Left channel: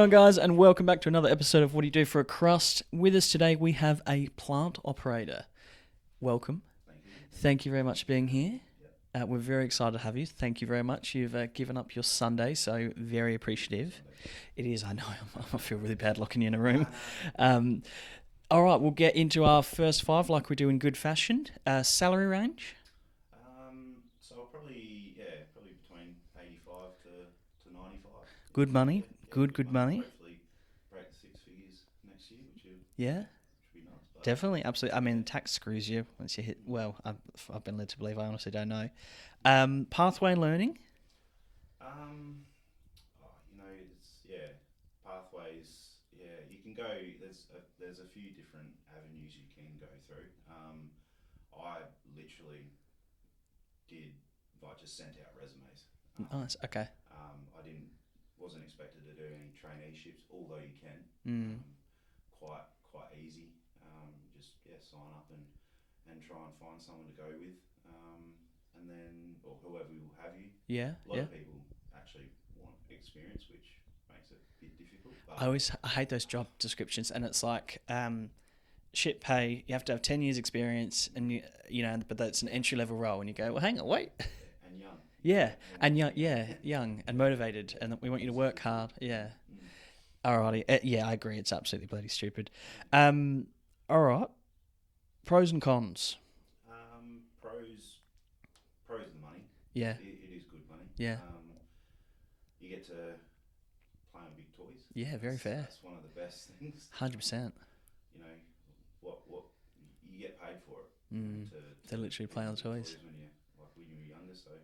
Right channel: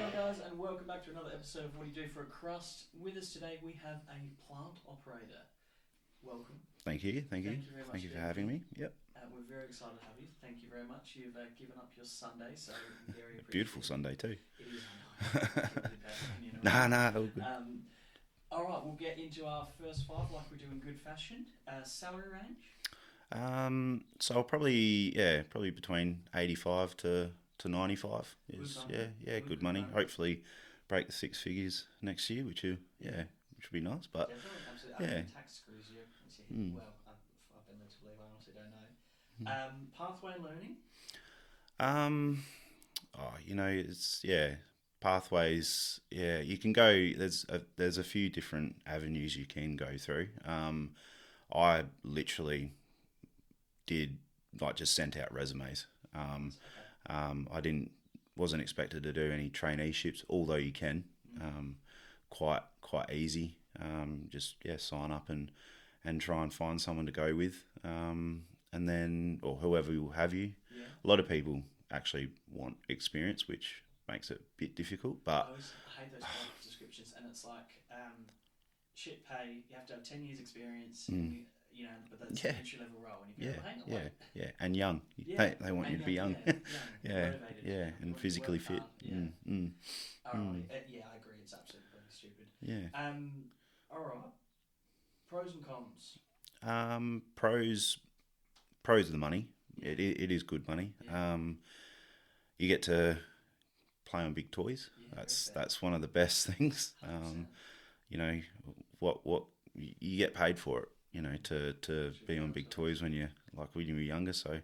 going, guys? And welcome back to another episode of What Do You Do for a Crust? With us today, we have a plant operator. Welcome. Thank you. Thank you very much for being here. Me. Yep. We're very excited to have you. Thank you very much. You've given up your Sunday, so very appreciative. Beautiful Sunday too. It is, I know. I feel really bad locking you in a room. Nah. All right, we'll get into our first five like we do in good fashion. Salary range? So I'll probably between 85 to 95. Good money. Yeah, good money. Hopefully break the six figures next year, which will be nice. But definitely, absolutely. I mean, tax screws you once you hit. Well, I've been led to believe. I honestly don't know. Pathway learning. Pathways. Yeah, you can go. There's a few different avenues you can go through. I literally did just sent out resumes. Nice. Okay. I wasn't expected to do any traineeships, although you can. Quite easy. Just sign up and try and find someone to go with, and then or whoever will have you. Yeah. A lot of people actually want experience, which makes it a bit difficult. But I hate those job descriptions, and it's like shit pay. You have to have 10 years experience, and but that's an entry level role, and you go, well, hang on, wait. Yeah, and young. Yeah, they want and you to young, be young and motivated, and we want you to work physically hard. fit. Yeah. Mm. Alrighty. I agree. It's absolutely bloody stupid. Yeah. All right. Pros and cons. Pros are the money. Yeah. It is good money. Yeah. You get to play on big toys. Yeah, very fair. That's one of the best things. 100%. What you get paid for it. To be on big toys when you were younger. So,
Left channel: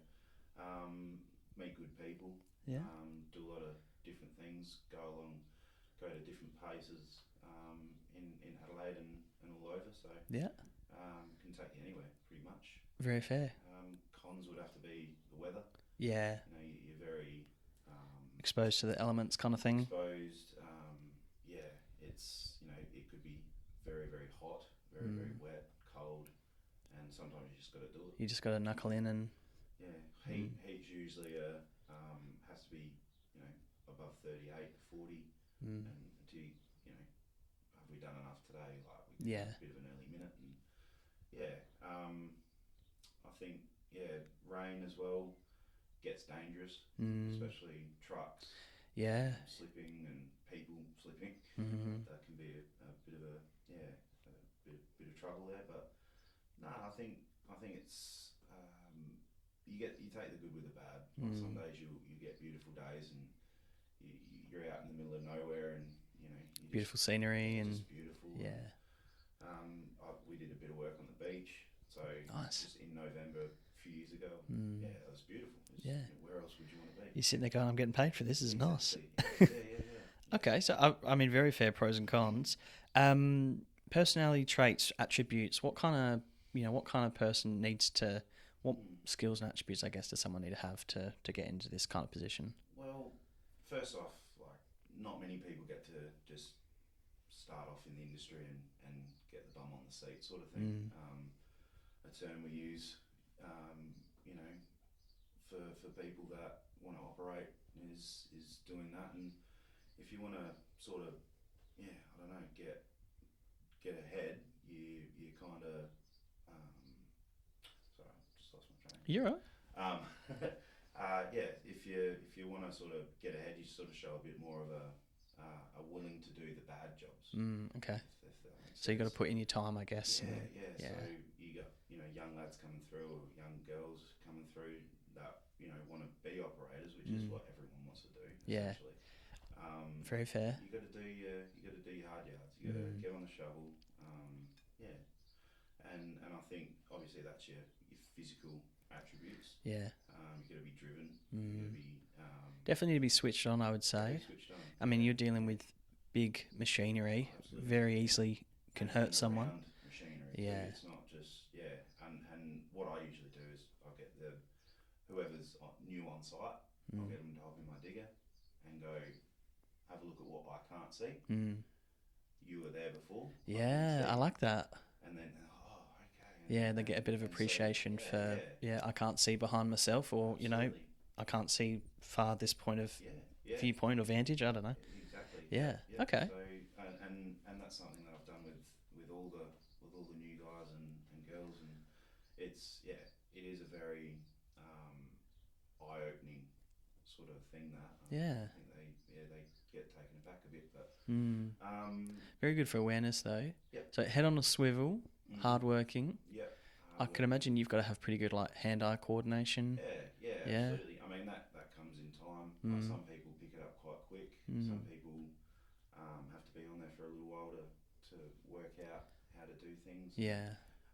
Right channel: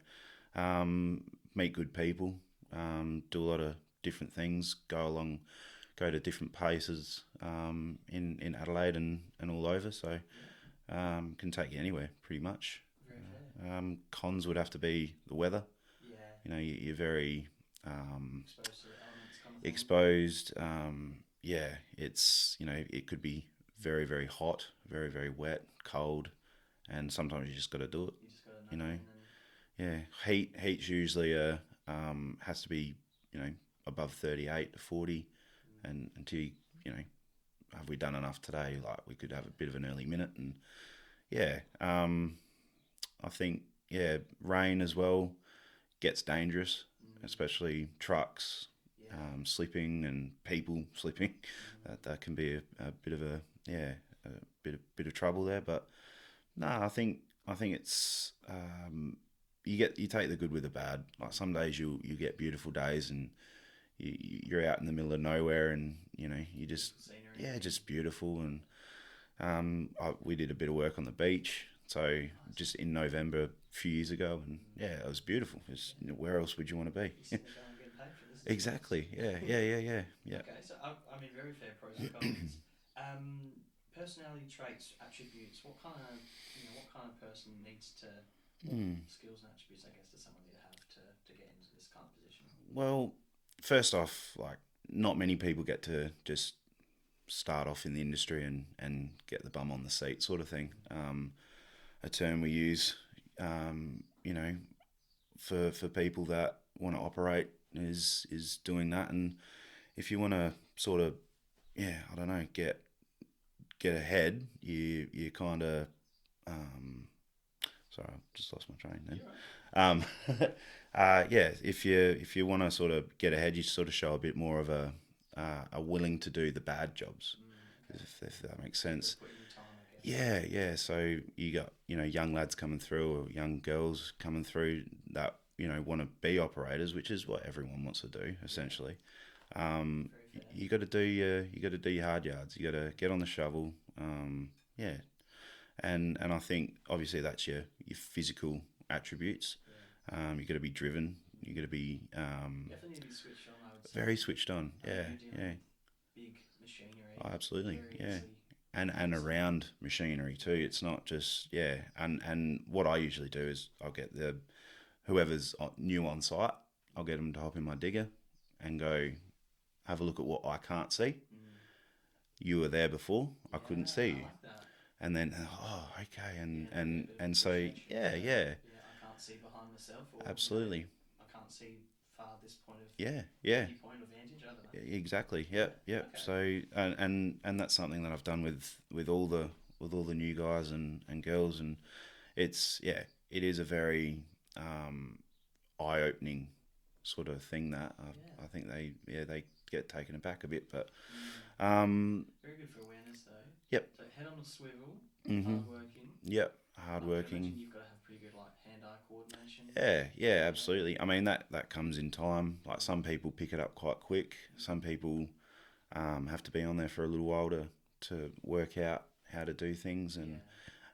meet good people. Yeah. Do a lot of different things. Go to different places in Adelaide and all over. So can take you anywhere pretty much. Very fair. Cons would have to be the weather. Yeah. You're very exposed to the elements, kind of thing. Exposed. It's it could be very, very hot, very, very wet, cold, and sometimes you just got to do it. You just got to knuckle in and. Yeah, heat's usually has to be above 38 to 40, and until have we done enough today? We could have a bit of an early minute, and I think rain as well gets dangerous, especially trucks. Yeah, slipping and people slipping. That can be a bit of a bit of trouble there. But no, I think it's you take the good with the bad. Some days you get beautiful days and you're out in the middle of nowhere and you just beautiful scenery. Yeah, just beautiful. Yeah. And we did a bit of work on the beach. So nice. Just in November a few years ago, and it was beautiful. It was, where else would you want to be? You're sitting there going, "I'm getting paid for this." Is exactly. Nice. Yeah. Okay, so I mean, very fair pros and cons. Personality traits, attributes. What kind of person needs to? What skills and attributes, I guess, does someone need to have to get into this kind of position? Well, first off, not many people get to just start off in the industry and get the bum on the seat sort of thing. A term we use, for people that want to operate is doing that. And if you want to sort of, get ahead, you kind of, sorry, I just lost my train. You're right. If you want to sort of get ahead, you sort of show a bit more of a willing to do the bad jobs. Okay. If that makes sense. So you got to put in your time, I guess. Yeah. So you got young lads coming through or young girls coming through that want to be operators, which is what everyone wants to do essentially. Very fair. You got to do your hard yards. You got to get on the shovel. And I think obviously that's your physical attributes. Yeah. You got to be driven. You got to be definitely need to be switched on, I would say. Very switched on. I mean, you're dealing with big machinery. Oh, absolutely. Very easily. And around machinery too. It's not just And what I usually do is I'll get whoever's new on site. I'll get them to hop in my digger and go have a look at what I can't see. You were there before. I couldn't see. I like that. And then, okay. And they get a bit of appreciation. So, I can't see behind myself, or absolutely. I can't see far this point of yeah, viewpoint or vantage. I don't know. exactly. Yeah. Yeah. Okay. So and that's something that I've done with all the new guys and girls, and it's it is a very eye opening sort of thing that I think they get taken aback a bit, but Very good for awareness though. Yep. So head on a swivel, hardworking. Yep. I could imagine you've got to have pretty good like hand-eye coordination. Yeah, absolutely. I mean that comes in time. Like some people pick it up quite quick. Some people have to be on there for a little while to work out how to do things.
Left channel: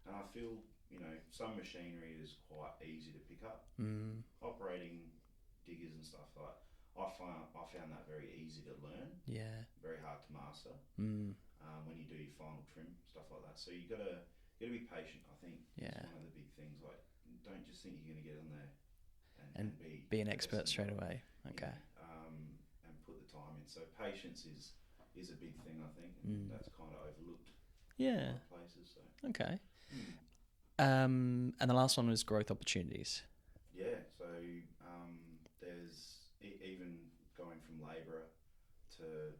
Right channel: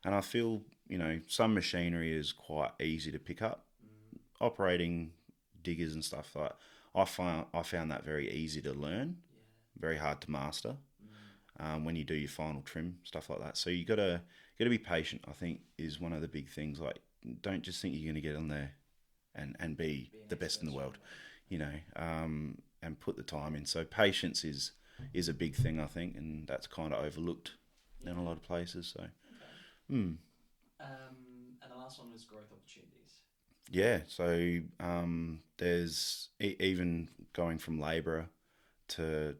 And I feel some machinery is quite easy to pick up. Operating diggers and stuff like I found that very easy to learn. Yeah. Very hard to master. When you do your final trim, stuff like that. So you gotta be patient, I think, is one of the big things. Like, don't just think you're going to get on there and be an the best in the world. Okay. And put the time in. So patience is a big thing, I think, and that's kind of overlooked in a lot of places. So okay. And the last one was growth opportunities. Yeah. So there's even going from labourer to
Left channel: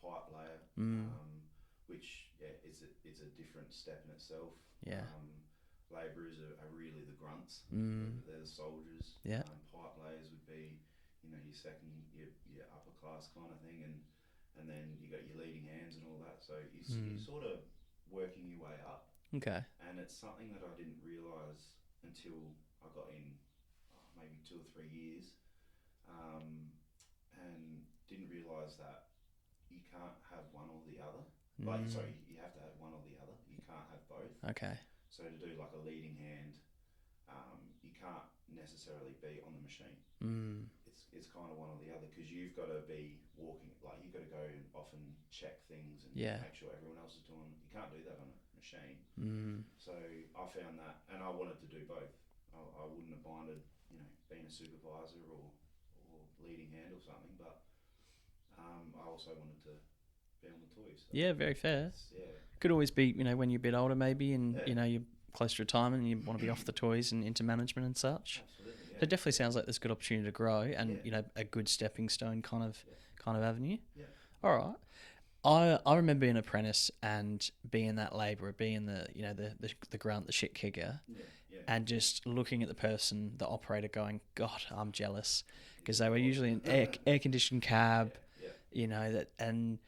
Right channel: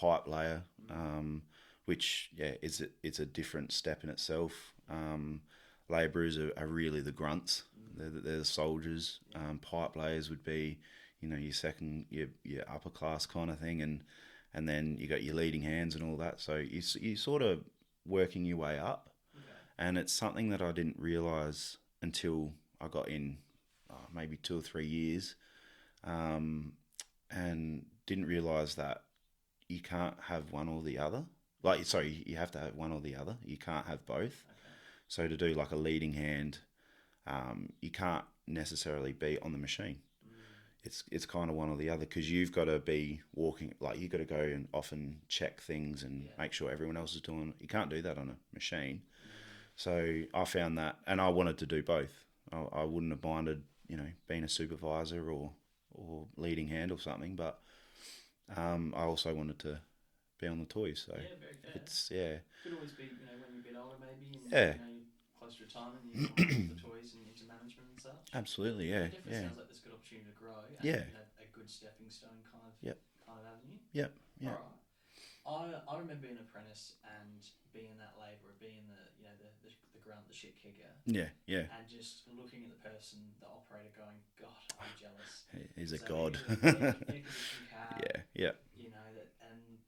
pipe layer. Which it's a different step in itself. Yeah. Labourers are really the grunts. They're the soldiers. Yeah. Pipe layers would be, your second, your upper class kind of thing, and then you got your leading hands and all that. So you sort of working your way up. Okay. And it's something that I didn't realise until I got in maybe 2 or 3 years, and didn't realise that you can't have one or the other. Like, sorry, you have to have one or the other. You can't have both. Okay. So to do like a leading hand, you can't necessarily be on the machine. It's kind of one or the other, because you've got to be walking, like you've got to go and often check things and make sure everyone else is doing it. You can't do that on a machine. So I found that, and I wanted to do both. I wouldn't have minded, being a supervisor or leading hand or something, but I also wanted to be on the toys. So yeah, very fair. Yeah. Could always be, when you're a bit older maybe, and you're close to retirement and you want to be off the toys and into management and such. Absolutely, yeah. It definitely sounds like there's a good opportunity to grow and a good stepping stone kind of avenue. Yeah. All right. I remember being an apprentice and being that labourer, being the grunt, the shit kicker. Yeah, yeah. And just looking at the person, the operator, going, God, I'm jealous, because they God? were usually in air conditioned cab. Yeah. And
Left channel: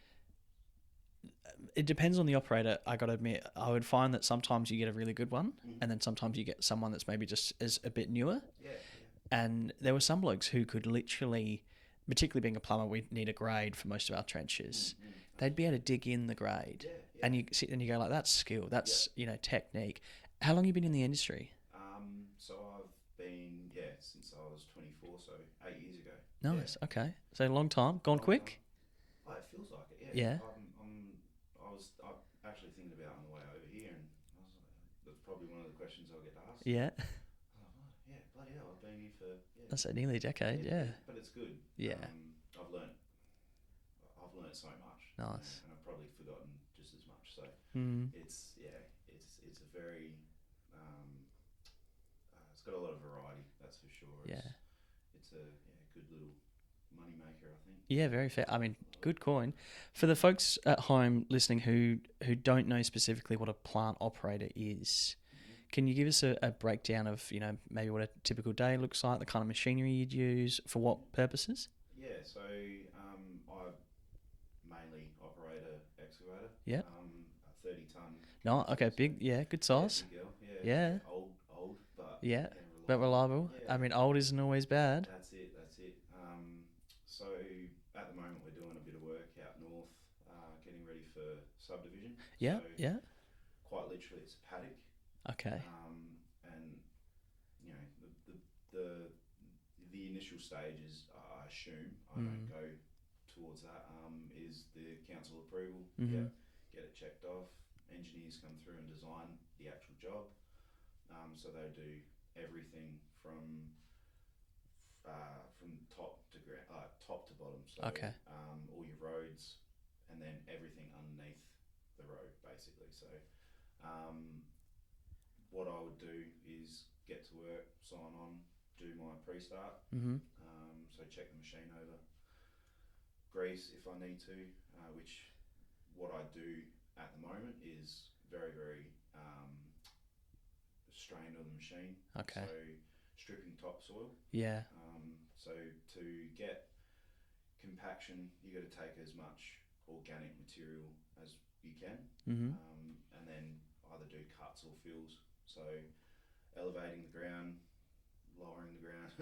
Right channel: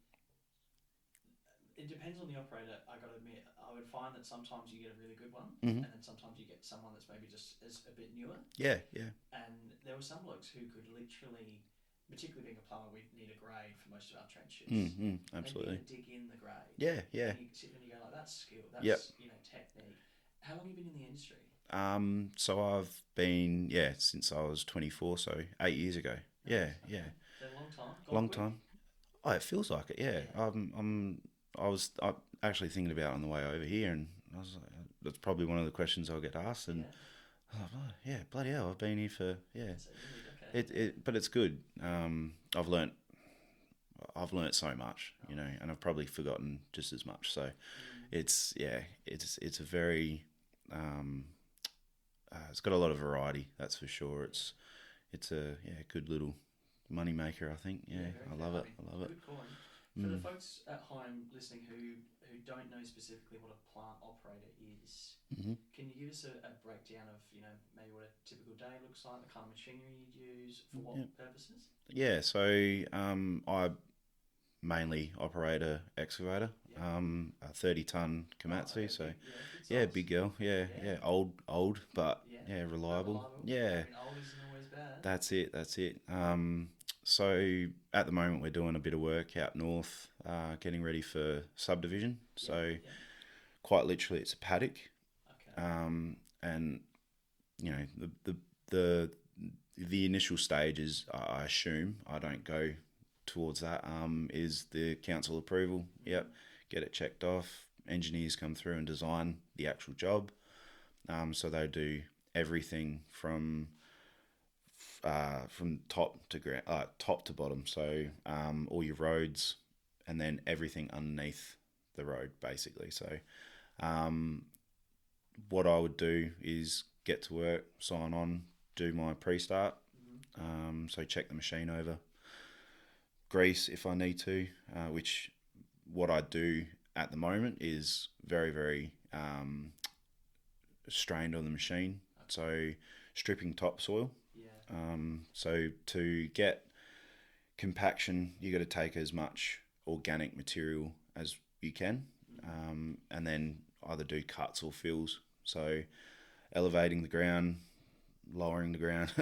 it depends on the operator. I got to admit, I would find that sometimes you get a really good one, and then sometimes you get someone that's maybe just is a bit newer. Yeah. And there were some blokes who could literally, particularly being a plumber, we need a grade for most of our trenches. They'd be able to dig in the grade. Yeah. And you sit and you go like, that's skill, that's technique. How long have you been in the industry? So I've been since I was 24, so 8 years ago. Nice. Yeah, Okay. yeah. So long time, gone Long quick. time. Oh, it feels like it. Yeah. I was actually thinking about it on the way over here, and I was like, that's probably one of the questions I'll get asked. And Yeah. I was like, yeah, bloody hell, I've been here for That's nearly a decade. but it's good. Yeah. I've learnt so much, Nice. and I've probably forgotten just as much. So it's a very it's got a lot of variety, that's for sure. It's a good little money maker, I think. Yeah, very fair. I mean, love it. good coin. For the folks at home listening who don't know specifically what a plant operator is, can you give us a breakdown of, maybe what a typical day looks like, the kind of machinery you'd use, for what purposes? Yeah, so I mainly operate a excavator. Yeah. A 30-ton Oh, Komatsu. okay, so, big, good size. Yeah, big girl. Yeah. Yeah. Old, but reliable. But reliable. Yeah. I mean, old isn't always bad. That's it. So at the moment we're doing a bit of work out north, getting ready for subdivision. Yeah. So Yeah. quite literally, it's a paddock. Okay. And the initial stages, I assume, I don't go towards that, is the council approval. Yep, get it checked off. Engineers come through and design the actual job. So they do everything from top to bottom. So all your roads, and then everything underneath the road, basically. So what I would do is get to work, sign on, do my pre-start. So check the machine over, grease if I need to, which what I do at the moment is very, very strained on the machine. Okay. So stripping topsoil. Yeah. So to get compaction, you got to take as much organic material as you can, and then either do cuts or fills. So elevating the ground, lowering the ground.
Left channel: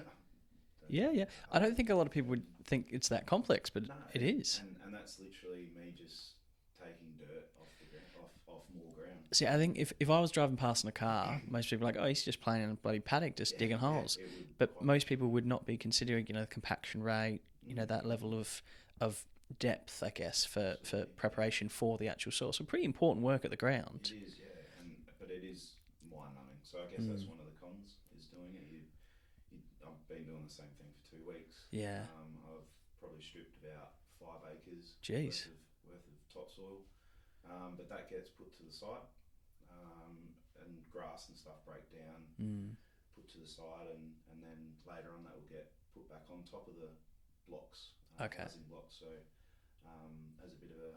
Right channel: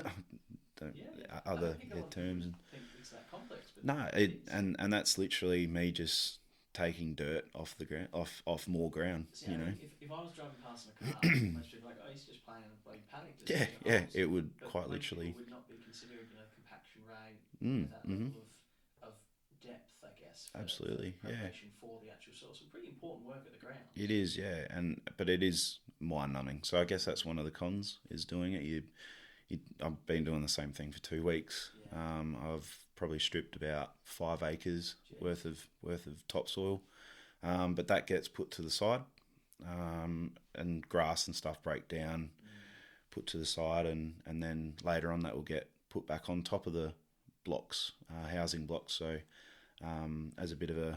Yeah. I don't think a lot of people would think it's that complex, but no, it is. And that's literally me just taking dirt off the ground, off more ground. See, I think if I was driving past in a car, most people are like, oh, he's just playing in a bloody paddock, just digging holes. It would. But quite most literally. people would not be considering, compaction rate, that level of depth, I guess, for Absolutely, preparation for the actual soil. So pretty important work at the ground. It is, but it is mind numbing. So I guess that's one of the cons is doing it. I've been doing the same thing for 2 weeks. Yeah. I've probably stripped about 5 acres Jeez. worth of topsoil, but that gets put to the side, and grass and stuff break down, put to the side, and then later on that will get put back on top of the blocks, housing blocks. So as a bit of a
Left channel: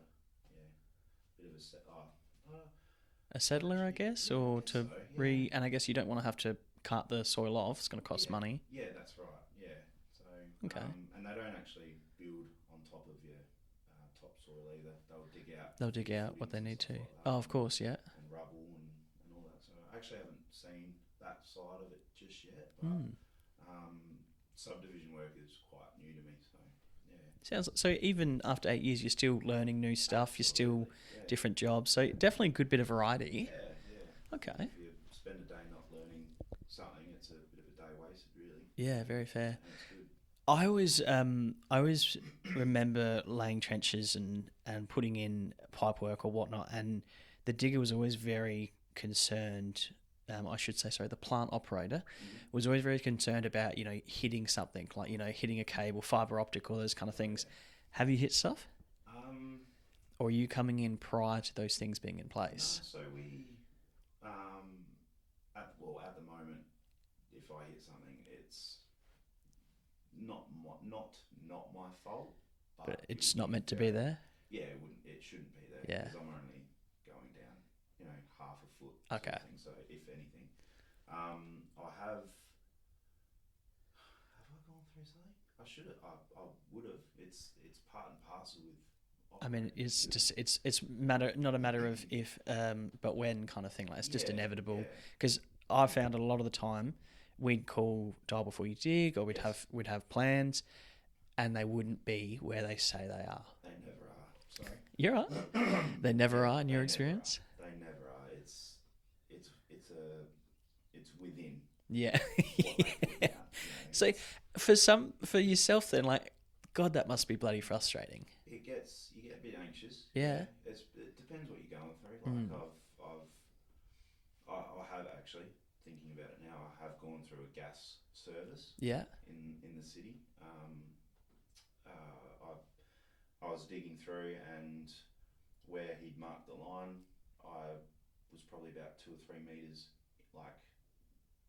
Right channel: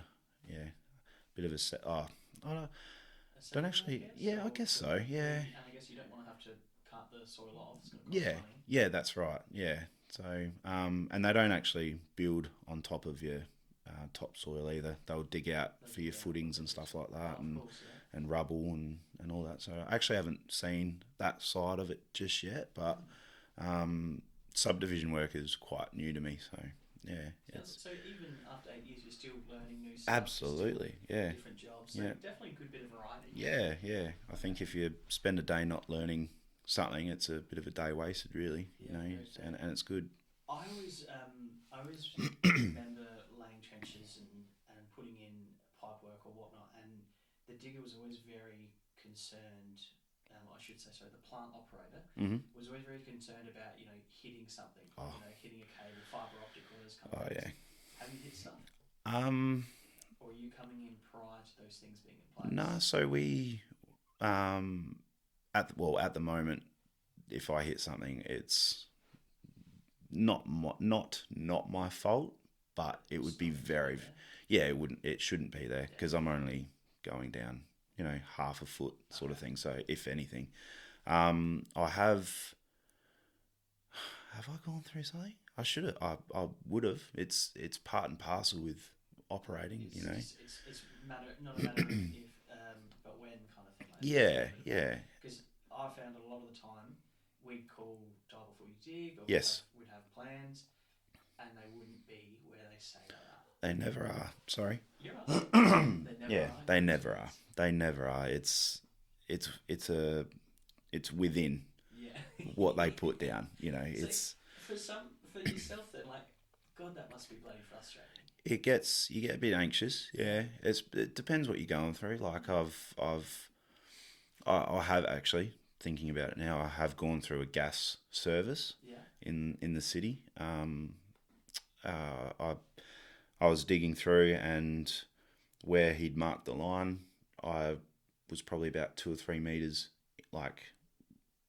A settler, actually- I guess? yeah, I or guess to so, yeah. And I guess you don't want to have to cut the soil off. It's going to cost money. Yeah, that's right. Yeah. So, and they don't actually build on top of your topsoil either. They'll dig out They'll for dig your out what footings they and need stuff to. like that. Oh, of course, yeah. And rubble and all that. So I actually haven't seen that side of it just yet, but subdivision work is quite new to me. So, yeah. So even after 8 years, you're still learning new stuff. Absolutely, You're still yeah. different jobs. So Yeah. definitely a good bit of variety. Yeah. I think if you spend a day not learning something, it's a bit of a day wasted, really. Yeah, very fair. And it's good. I always remember laying trenches and putting in pipe work or whatnot, and the digger was always very concerned. The plant operator was always very concerned about hitting something like hitting a cable, fiber optic, all those kind of things. Yeah. Have you hit stuff? Or are you coming in prior to those things being in place? No, so we at the moment, if I hit something, it's not my fault, but it it's would not be meant very to be there. Yeah, it shouldn't be there Yeah. because I'm only going down, half a foot sort of thing. So if anything, I have I gone through something? I should have. I would have. It's part and parcel with operating. It's not a matter of if, but when kind of thing. Like it's just Yeah, inevitable. yeah. Because I found a lot of the time we'd call dial before you dig, or we'd have plans, and they wouldn't be where they say they are. They never are. Sorry. You're right. They never are. In They your never experience? are. They never are. It's within Yeah. what they put down. So for yourself then, like, God, that must be bloody frustrating. you get a bit anxious. Yeah. It depends what you're going through. Like I have actually, thinking about it now, I have gone through a gas service. Yeah. In the city. I was digging through, and where he'd marked the line, I was probably about 2 or 3 meters like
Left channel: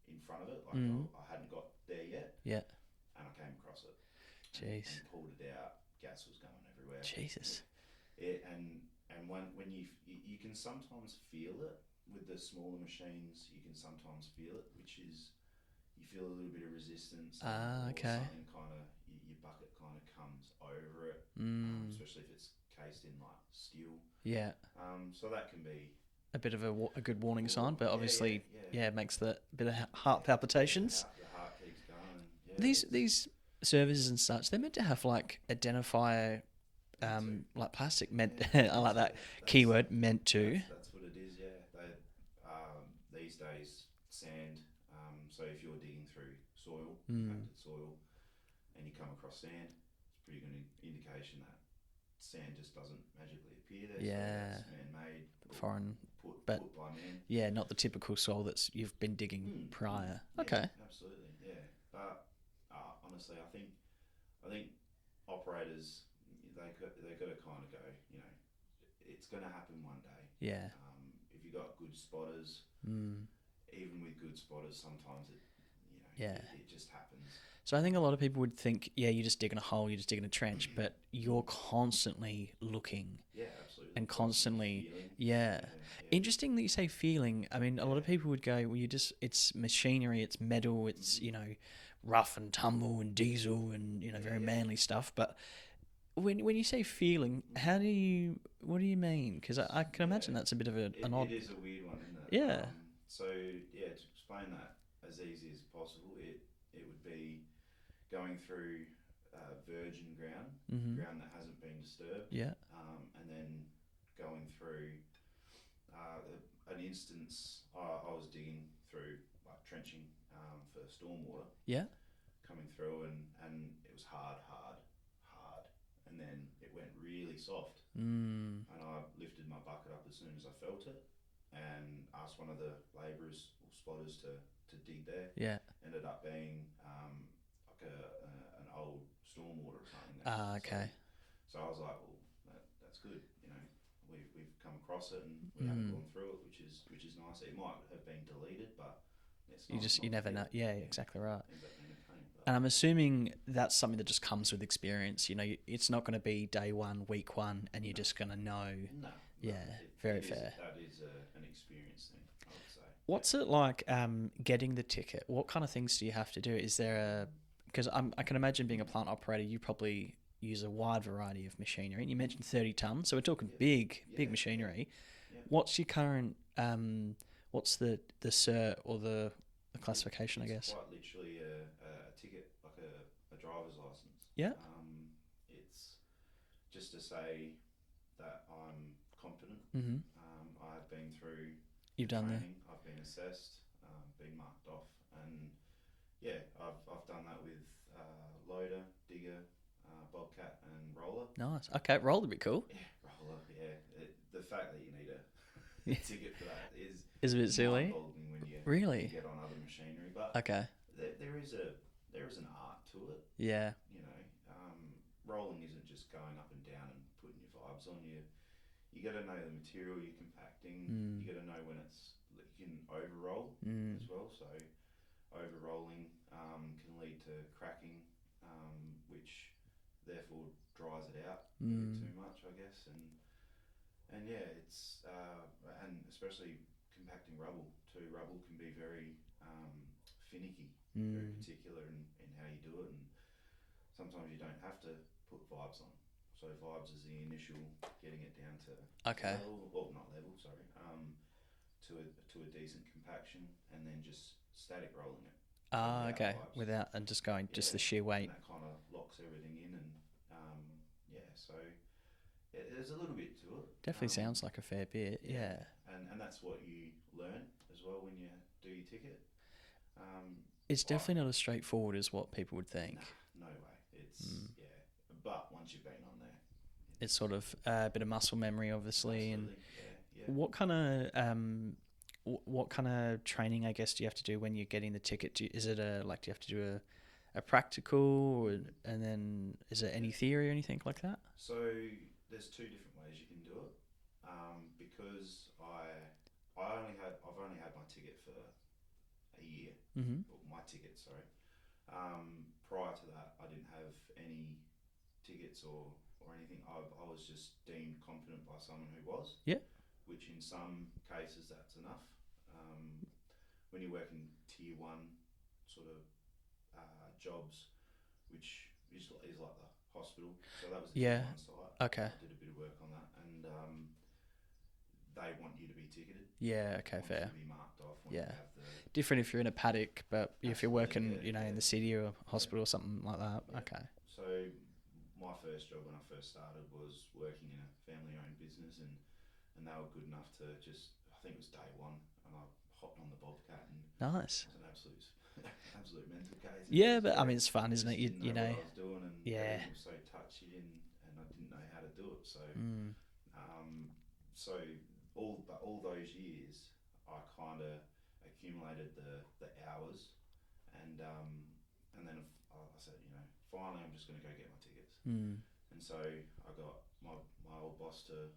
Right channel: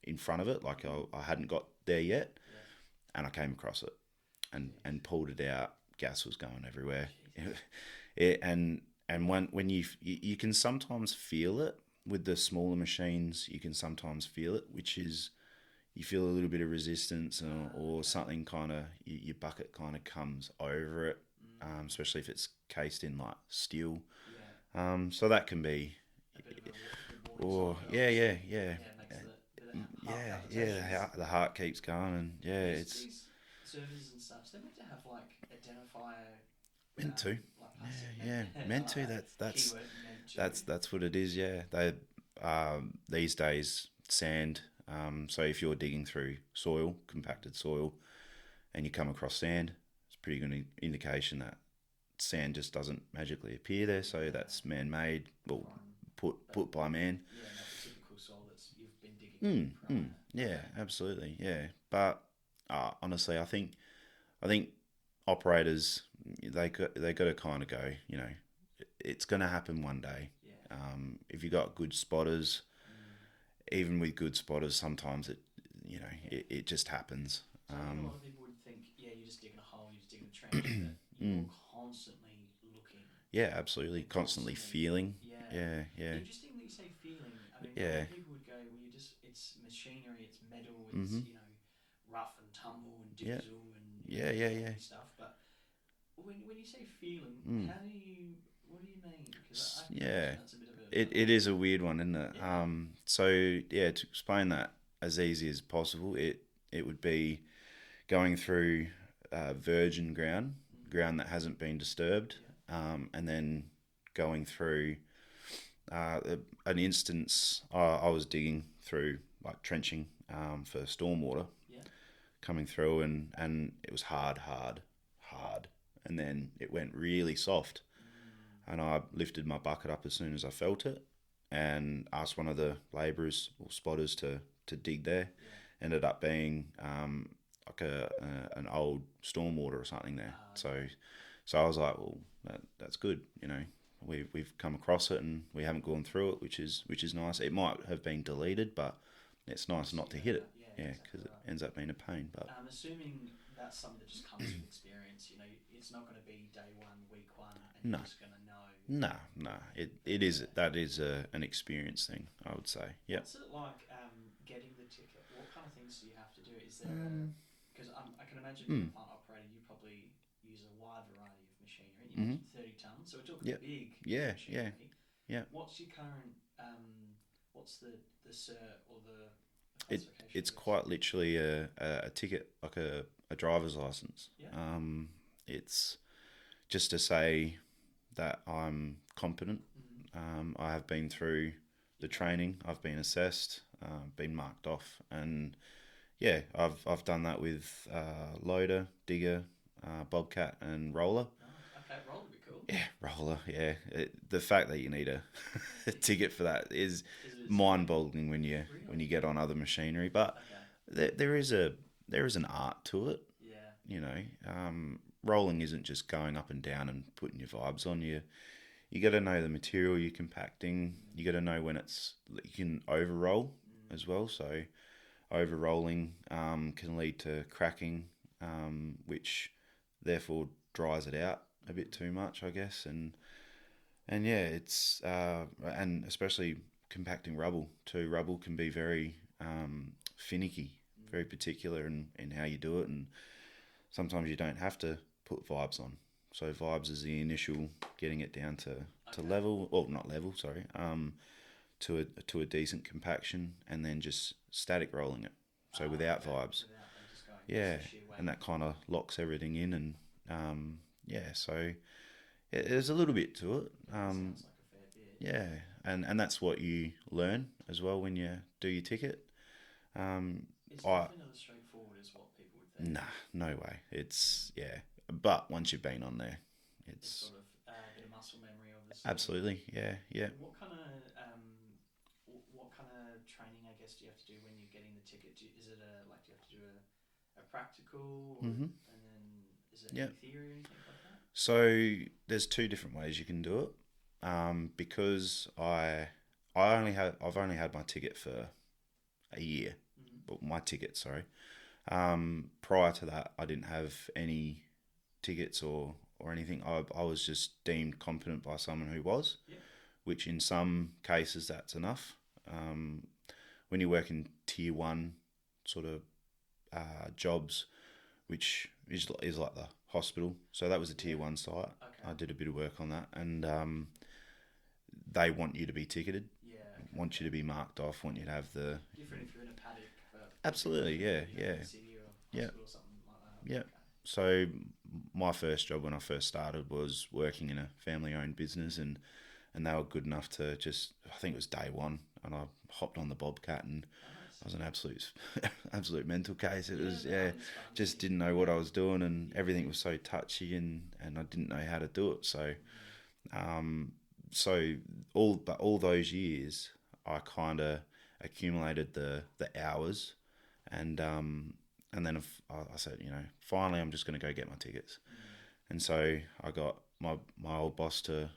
in front of it. Like I hadn't got there yet. Yeah. And I came across it and Jeez. pulled it out. Gas was going everywhere. Jesus. And when you can sometimes feel it with the smaller machines, you can sometimes feel it, which is you feel a little bit of resistance or something kind of, your bucket kind of comes over it, especially if it's cased in like steel. Yeah. So that can be a bit of a good warning sign, but obviously, it makes the bit of heart palpitations. Yeah, the heart keeps going, and these services and such, they're meant to have like identifier, meant to. like plastic. Yeah, I like that keyword, meant to. That's what it is. Yeah, they these days sand. So if you're digging through soil, compacted soil, and you come across sand, it's a pretty good indication that sand just doesn't magically appear there. So that's man-made, foreign, put by man. Yeah, not the typical soil you've been digging prior. Yeah, absolutely. Yeah, but honestly, I think operators they got to kind of go. It's going to happen one day. Yeah. If you got good spotters. Even with good spotters, sometimes you know, Yeah. it just happens. So I think a lot of people would think, yeah, you're just digging a hole, you're just digging a trench, but you're constantly looking. Yeah, absolutely. And constantly feeling. Yeah. Yeah. Interesting that you say feeling. I mean, a lot Yeah. of people would go, well, it's machinery, it's metal, it's, you know, rough and tumble and diesel and, you know, very manly stuff. But when you say feeling, what do you mean? Because I can imagine that's a bit of it is a weird one, isn't it? Yeah. So, yeah, to explain that as easy as possible, it would be going through virgin ground, ground that hasn't been disturbed, and then going through an instance. I was digging through, like trenching for stormwater, coming through, and it was hard, and then it went really soft, and I lifted my bucket up as soon as I felt it, and asked one of the labourers or spotters to dig there. Ended up being like an old stormwater or something there. Okay. So I was like, well, that's good. You know, we've come across it and we haven't gone through it, which is nice. It might have been deleted, but it's nice not to hit it. Yeah, exactly right. It ends up being a pain. But And I'm assuming that's something that just comes with experience. You know, it's not going to be day one, week one, and you're just going to know. No. Yeah, it is. fair. That is an experience thing, I would say. What's it like getting the ticket? What kind of things do you have to do? Is there because I can imagine being a plant operator, you probably use a wide variety of machinery. And you mentioned 30 tons, so we're talking big machinery. Yeah. What's your current? What's the cert or the classification? It's I guess? quite literally a ticket, like a driver's license. Yeah. It's just to say that I'm competent. I have been through the training. I've been assessed, been marked off, and yeah, I've done that with loader, digger, bobcat, and roller. Nice. Okay, roller would be cool. Yeah, roller. Yeah, the fact that you need a ticket for that is a bit silly. mind-boggling when you get on other machinery. But Okay. there is an art to it. Yeah. You know, rolling isn't just going up and down and putting your vibes on you. You got to know the material you're compacting. You got to know when you can over roll as well. So over rolling can lead to cracking, which therefore dries it out a bit too much, I guess. And yeah, it's and especially compacting rubble too. Rubble can be very finicky, very particular in how you do it, and sometimes you don't have to put vibes on. So vibes is the initial getting it down to level, or not level, sorry, to a decent compaction, and then just static rolling it. So without vibes, and just going just the sheer weight, and that kind of locks everything in, and so there's a little bit to it. Definitely sounds like a fair bit. Yeah, and that's what you learn as well when you do your ticket. It's definitely not as straightforward as what people would think. Nah, no way. It's but once you've been on there, it's sort of a bit of muscle memory, obviously. Absolutely, yeah. What kind of training, I guess, do you have to do when you're getting the ticket? Do you have to do a practical, and then is there any theory or anything like that? So there's two different ways you can do it. Because I've only had my ticket for a year. Well, my ticket, sorry. Prior to that, I didn't have any tickets or anything. I was just deemed competent by someone who was. Yeah. Which in some cases that's enough. When you work in tier 1 sort of jobs, which is like the hospital. So that was a tier 1 site. Okay. I did a bit of work on that, and they want you to be ticketed. Yeah, okay. Want you to be marked off. Want you to have the different if you're in a paddock, but if you're working, in the city or hospital or something like that. Yeah. Okay. So my first job when I first started was working in a family-owned business, and they were good enough to just, I think it was day one, and I hopped on the Bobcat, and nice. It was an absolute mental case. But I mean, it's fun, isn't it? Just didn't know what I was doing, and everything was so touchy, and I didn't know how to do it. So, all those years, I kind of accumulated the hours, and then I said, finally, I'm just going to go get my tickets. And so I got my old boss to,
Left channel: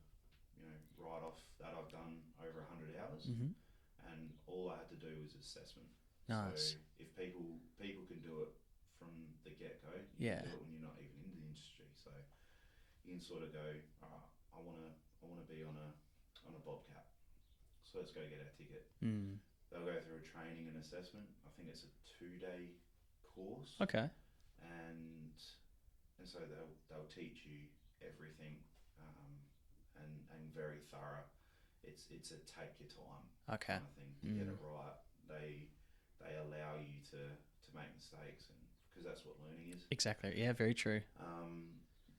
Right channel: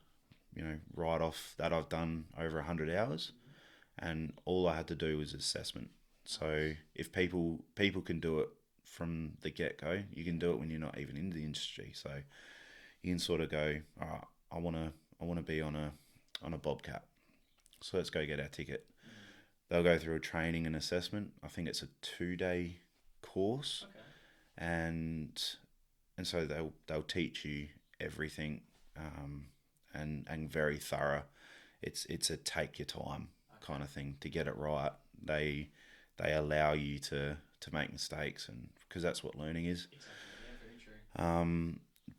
write off that I've done over 100 hours, and all I had to do was assessment. So Nice. if people can do it from the get go, you Yeah. can do it when you're not even in the industry. So you can sort of go, all right, I wanna be on a Bobcat. So let's go get our ticket. Mm. They'll go through a training and assessment. I think it's a 2-day course, Okay. and so they'll teach you everything, and very thorough. It's a take your time Okay. kind of thing to get it right. They allow you to make mistakes, and because that's what learning is. Exactly. Yeah. Very true.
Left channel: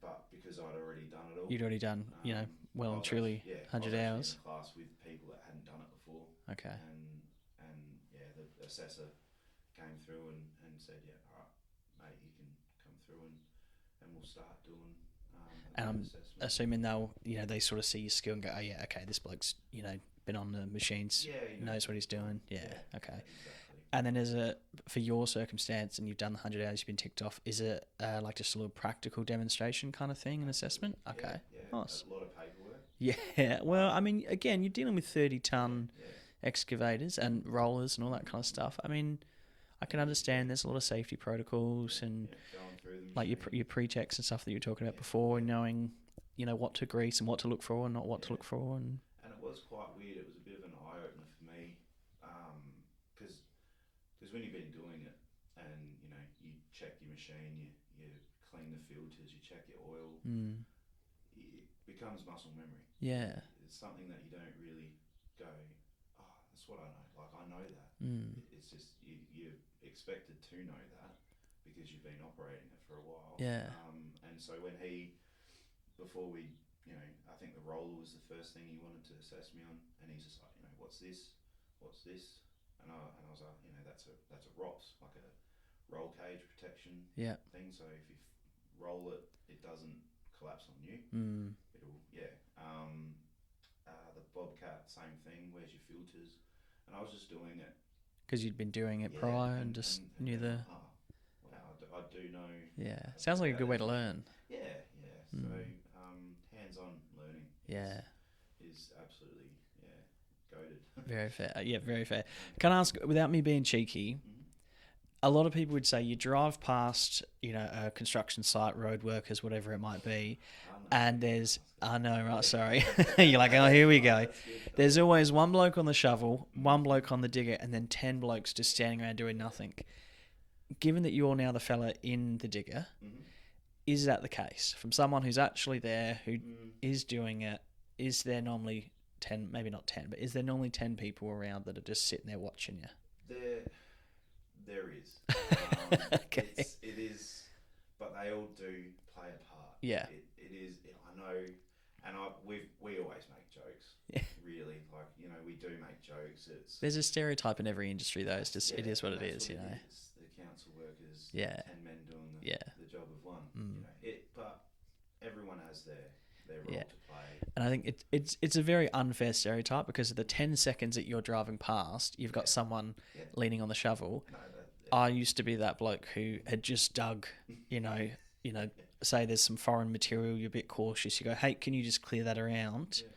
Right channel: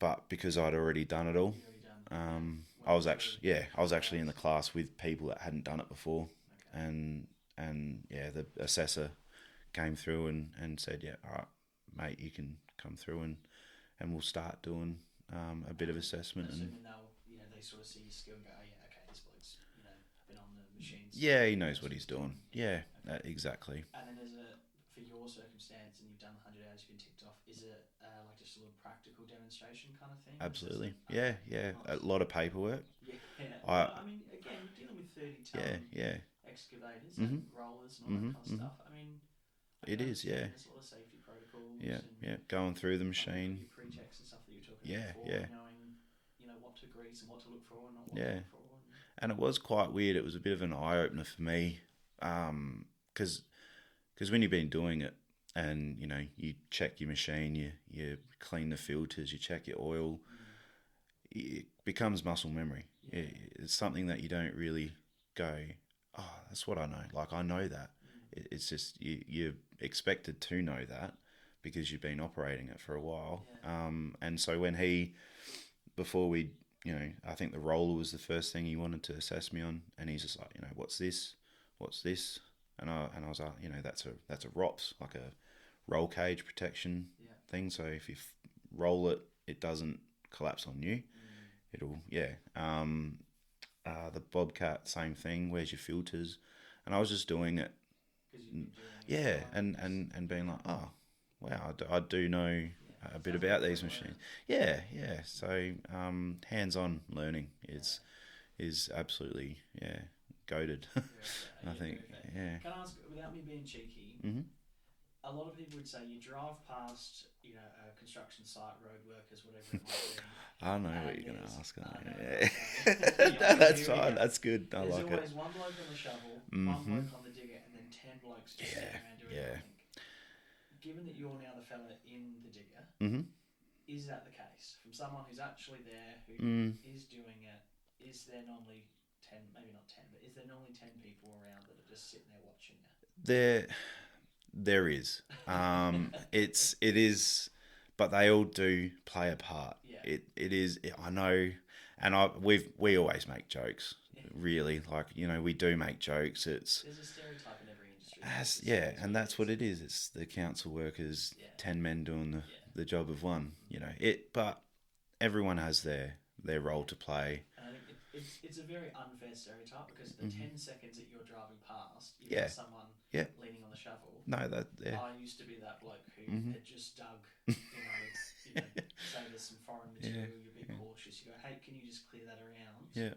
But because I'd already done it all, You'd already done. Well, I was and actually truly 100 in hours. the class with people that hadn't done it before, Okay. and yeah, the assessor came through and said, yeah, all right, mate, you can come through and we'll start doing a bit of assessment. Assuming they sort of see your skill and go, oh yeah, okay, this bloke's been on the machines. Yeah, he knows what he's doing. Yeah, Okay. exactly. And then for your circumstance, and you've done the 100 hours, you've been ticked off. Is it like just a little practical demonstration kind of thing, an Absolutely. assessment? Okay. Yeah. Nice. A lot of paperwork. Yeah. Well, I mean, again, you're dealing with 30-ton Yeah. excavators and rollers and all that kind of stuff. I mean, I can It is, understand yeah. there's a lot of safety protocols and Going through the like machine. your pre-checks and stuff that you were talking about Yeah, before, yeah. and knowing, what to grease and what to look for and not what to look for. And it was quite weird. It was a bit of an eye opener for me, because when you've been doing it, and you check your machine, you clean the filters, you check your oil, it becomes muscle memory. Yeah. It's something that you don't really go, oh, that's what I know. Like, I know that. It's just you're expected to know that because you've been operating it for a while. Yeah. And so when before we, I think the roller was the first thing he wanted to assess me on, and he's just like, what's this? What's this? And I was like, that's a ROPS, like a roll cage protection thing. So if you roll it, it doesn't collapse on you. It'll the Bobcat, same thing. Where's your filters? And I was just doing it because you'd been doing it yeah, prior and being like, oh, wow, I do know a sounds bit like about a good way these to machines. learn. Yeah. So hands-on learning is absolutely goated. Very fair. I Yeah, think. very fair. Yeah. Can I ask, without me being cheeky, Mm-hmm. a lot of people would say you drive past, a construction site, road workers, whatever it might be, I know. and what you're there's, asking. I know, Yeah. right? Sorry, you're like, oh, That's here we fine, go. That's good. I There's like always it. one bloke on the shovel, one Mhm. bloke on the digger, and then 10 blokes just standing around doing nothing. Given that you're now the fella in the digger, Mhm. is that the case? From someone who's actually there, who is doing it, is there normally 10, maybe not 10, but is there normally 10 people around that are just sitting there watching you? There is. It is, but they all do play a part. Yeah. It is. I know, and we always make jokes. Really, like we do make jokes. There's a stereotype in every industry, though. It's just, yeah, it is what and that's what it you know. is. It's the council workers. Yeah. 10 men doing the job of one. But everyone has their role to play. And I think it's a very unfair stereotype because of the 10 seconds that you're driving past, you've got someone leaning on the shovel. No, I used to be that bloke who had just dug, say there's some foreign material, you're a bit cautious. You go, hey, can you just clear that around? Yeah.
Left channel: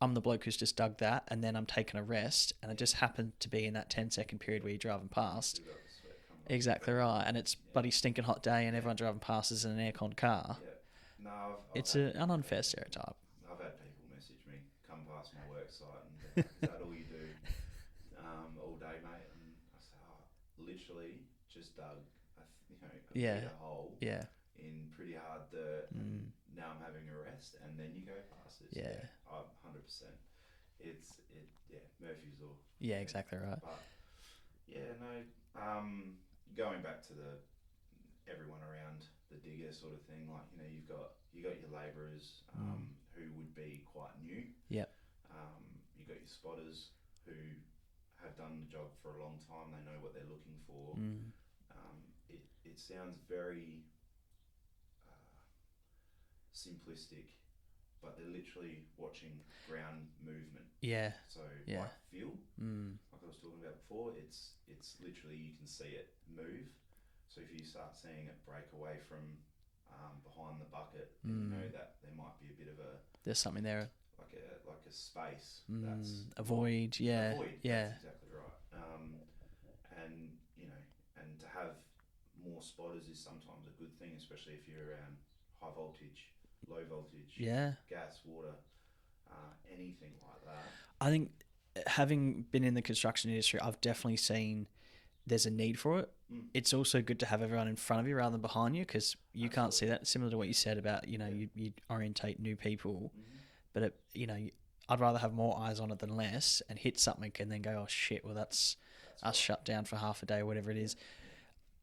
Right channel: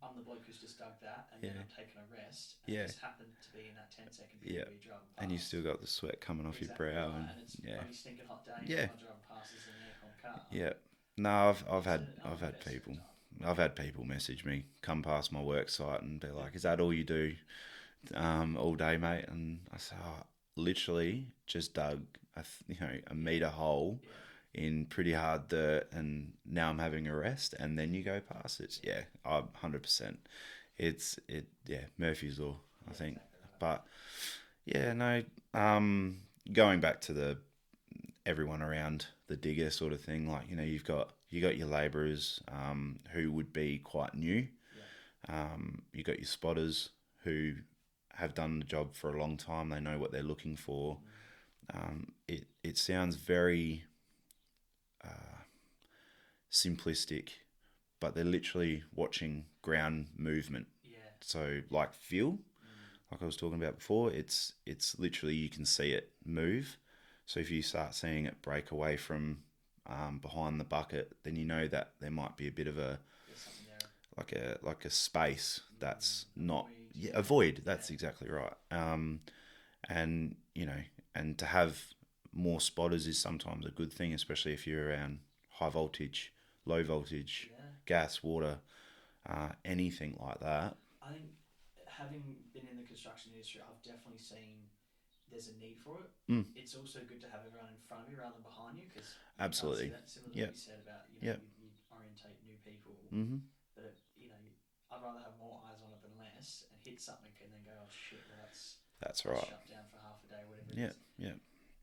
I'm the bloke who's just dug that, and then I'm taking a rest, and it just happened to be in that 10-second period where you're driving past. And you still got the sweat coming off. Exactly your brow right, and it's bloody stinking hot day, and everyone driving past is in an aircon car. Yeah. No, It's an unfair stereotype. I've had people message me, come past my work site, and be like, "Is that all you do, all day, mate?" And I say, "Oh, literally just dug a meter hole in pretty hard dirt, and now I'm having a rest, and then you go past it." Yeah, 100%. It's Murphy's Law. I think. Exactly right. But going back to everyone around the digger sort of thing, like you've got your labourers who would be quite new. Yeah. You got your spotters who have done the job for a long time. They know what they're looking for. It sounds very simplistic, but they're literally watching ground movement. Yeah. So like feel, like I was talking about before, it's literally you can see it move. So if you start seeing it break away from behind the bucket, then you know that there might be a bit of there's something there. like a space that's a void. A void. That's exactly right. and and to have more spotters is sometimes a good thing, especially if you're around high voltage, low voltage, Yeah. gas, water, anything like that. I think having been in the construction industry, I've definitely seen there's a need for it. It's also good to have everyone in front of you rather than behind you, because you can't see Absolutely. that. Similar to what Yeah. you said about, Yeah. you orientate new people, Mm-hmm. but I'd rather have more eyes on it than less, and hit something and then go, oh shit, well that's That's us right. shut down for half a day or whatever it Yeah. is. Yeah.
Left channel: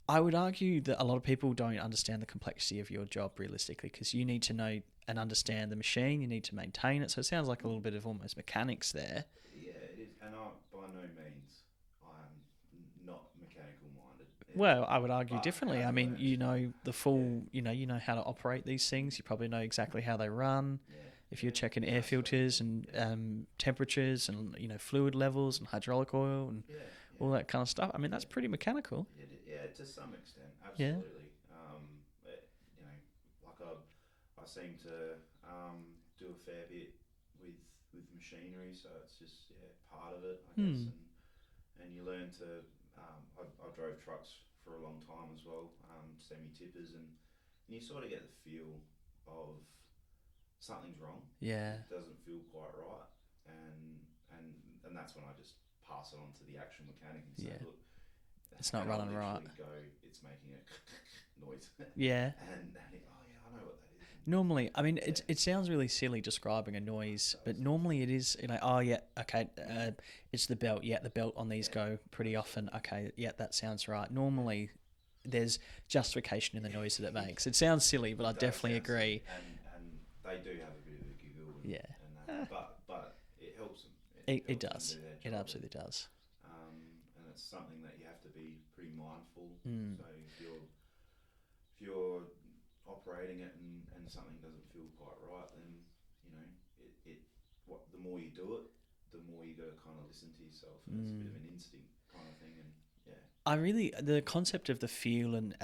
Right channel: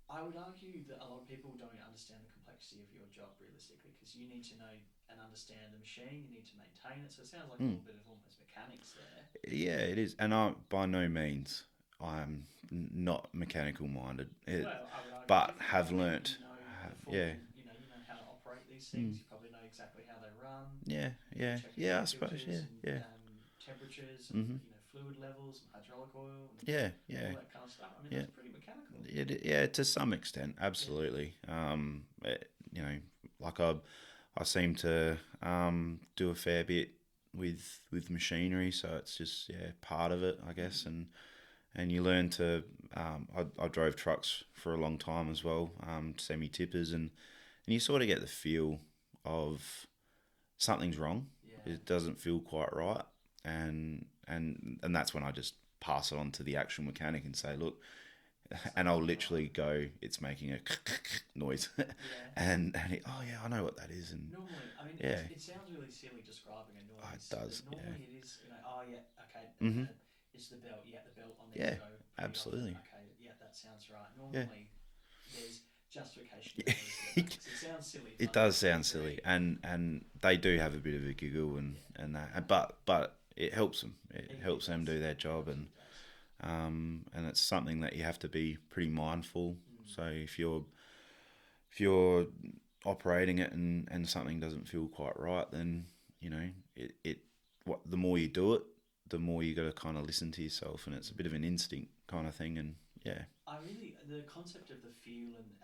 I would argue that a lot of people don't understand the complexity of your job realistically, because you need to know and understand the machine, you need to maintain it. So it sounds like a little bit of almost mechanics there. Yeah, it is, and I by no means I'm not mechanical minded. Well, I would argue but differently. have I mean, learnt. you know the full, Yeah. you know how to operate these things. You probably know exactly how they run. Yeah, If yeah, you're checking yeah, air I suppose, filters yeah, and yeah. temperatures and fluid levels and hydraulic oil and Yeah, yeah. all that kind of stuff. I mean, that's pretty mechanical. Yeah, to some extent, absolutely. Like I seem to do a fair bit with machinery, so it's just part of it, I guess. And you learn to. I drove trucks for a long time as well, semi tippers, and you sort of get the feel of something's wrong. Yeah. It doesn't feel quite right, and that's when I just pass it on to the actual mechanic and say, look. not And I'll running literally right. go, it's making a noise. Yeah. and oh yeah, I know what that is. And Normally, I mean, Yeah. it sounds really silly describing a noise, It does, but normally it is, oh yeah, okay, it's the belt. Yeah, the belt on these Yeah, go pretty absolutely. often. Okay, yeah, that sounds right. Normally, there's justification in the noise that it makes. It sounds silly, but it I does definitely sound agree. silly. And they do have a bit of a giggle and Yeah. and that. But it helps them. It helps them does. do their It job. absolutely does. And it's something that you have to be pretty mindful. Hmm. So if you're operating it and something doesn't feel quite right, then the more you do it, the more you got to kind of listen to yourself, and it's a bit of an instinct kind of thing. And The concept of the feel and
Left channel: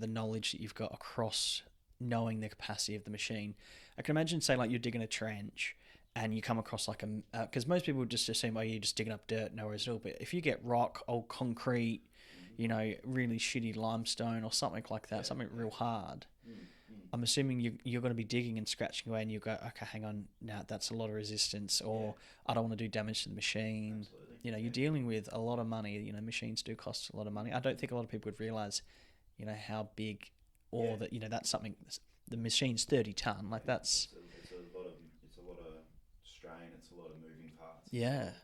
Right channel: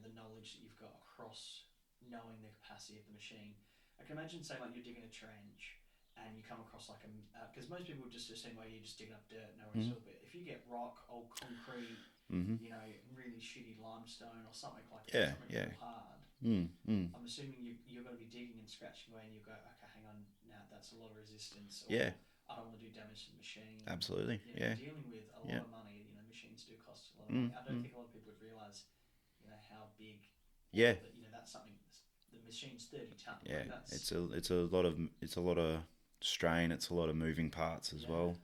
the knowledge that you've got across knowing the capacity of the machine. I can imagine, say, like you're digging a trench and you come across like because most people would just assume, oh, you're just digging up dirt, no worries at all. But if you get rock, old concrete, really shitty limestone or something like that, Yeah, something yeah. real hard, I'm assuming you're going to be digging and scratching away, and you go, okay, hang on, now that's a lot of resistance, or Yeah. I don't want to do damage to the machine. Absolutely, You're yeah. dealing with a lot Yeah. of money. Machines do cost a lot of money. I don't think a lot of people would realize, how big, or Yeah. that that's something. The machine's 30 ton. Like that's it's a lot of strain. It's a lot of moving parts as Yeah. well.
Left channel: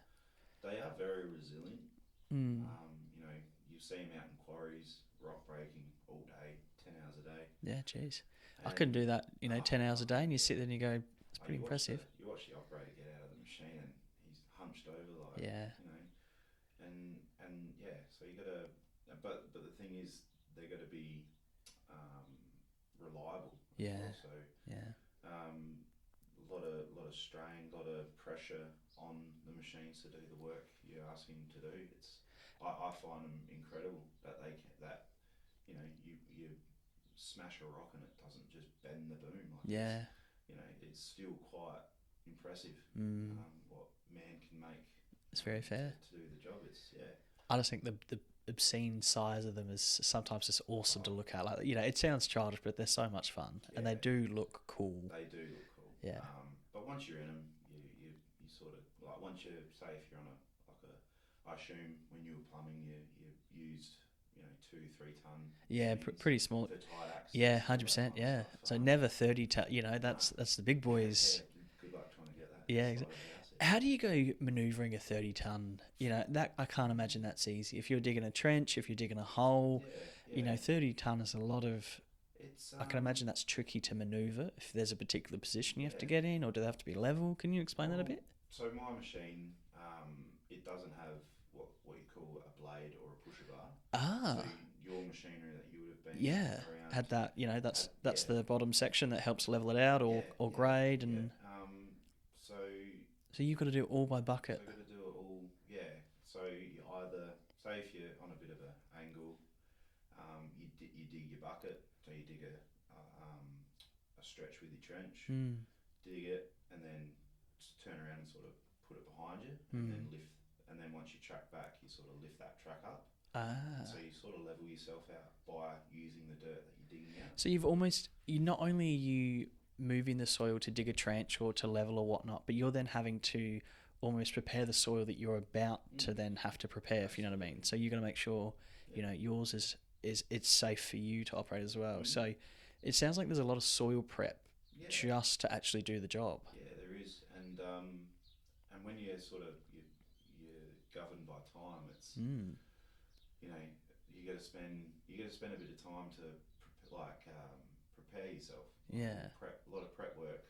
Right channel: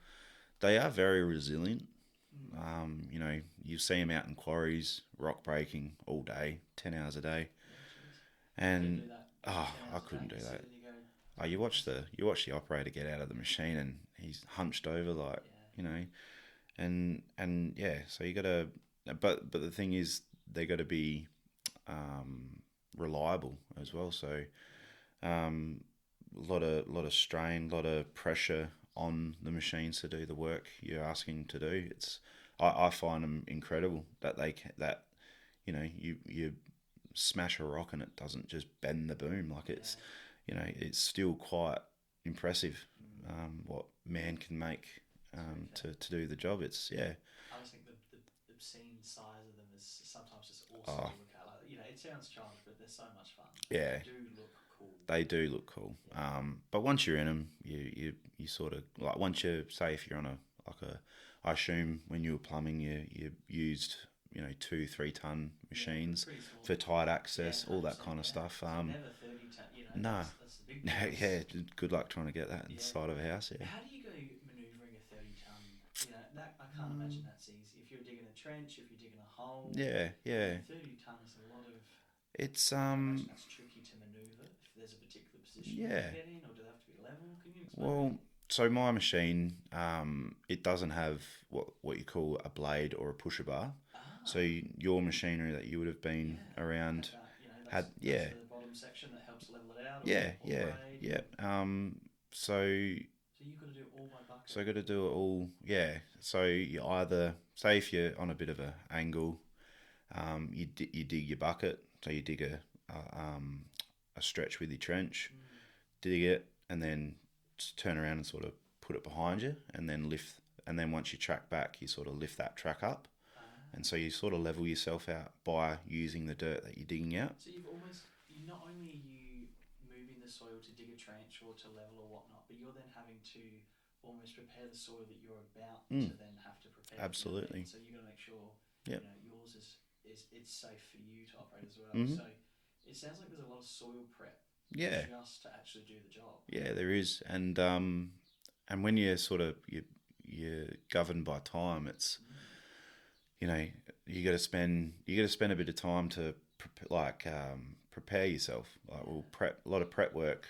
They are very resilient. You see them out in quarries, rock breaking all day, 10 hours a day. yeah, jeez. I And couldn't do that. 10 hours I a day, and couldn't you do sit that. there and you go. it's pretty You watch impressive. the operator get out of the machine, and he's hunched over like Yeah. and yeah. So you got to, but the thing is, they got to be reliable as Yeah. well. So Yeah. lot of strain, lot of pressure on the machines to do the work you're asking to do. I find them incredible that you smash a rock and it doesn't just bend the boom like it's it's still quite impressive what man can make very fair. to do the job. I just think the obscene size of them is sometimes just awesome to look at. Like it sounds childish, but they're so much fun. And Yeah. they do look cool. They do look cool. Yeah. But once you're in them, you sort of like once you say if you're on I assume when you were plumbing, you used 2-3 ton machines. Pretty small. For tight access. Yeah, all 100%. that kind of stuff. So never 30 ton. That's the big boys. Yeah, good luck trying to get that inside of a house. Yeah. How do you go manoeuvring a 30 ton? That I can't imagine that's easy. If you're digging a trench, if you're digging a hole, Yeah. 30 ton is a lot of. It's I can imagine that's tricky to maneuver. If there's a particular position you have to Yeah. get in, or do they have to be level? Can you explain that a bit? So my machine, it doesn't have what you call a blade or a pusher bar. So your machinery that you would have been around had that. That's the bottom section that helps level it out or grade. And So you've got to do it all by bucket. So you got to do it all. Yeah. So you either say if you're on a bit of an angle, you dig your bucket. So you dig a stretch with your trench, dig it, and then just turn around and sort of put it behind you, and then lift. And then once you track back, you sort of lift that track up. And so you sort of level yourself out by using the dirt that you're digging out. So you not only are you moving the soil to dig a trench or to level or whatnot, but you're then having to almost prepare the soil that you're about to then have to prepare. If you know what I mean. So you're going to make sure yours is it's safe for you to operate as well. So it sounds like there's a lot of soil prep just to actually do the job. Yeah, there is, and when you're you're governed by time, it's you got to spend a bit of time to prepare yourself, or a lot of prep work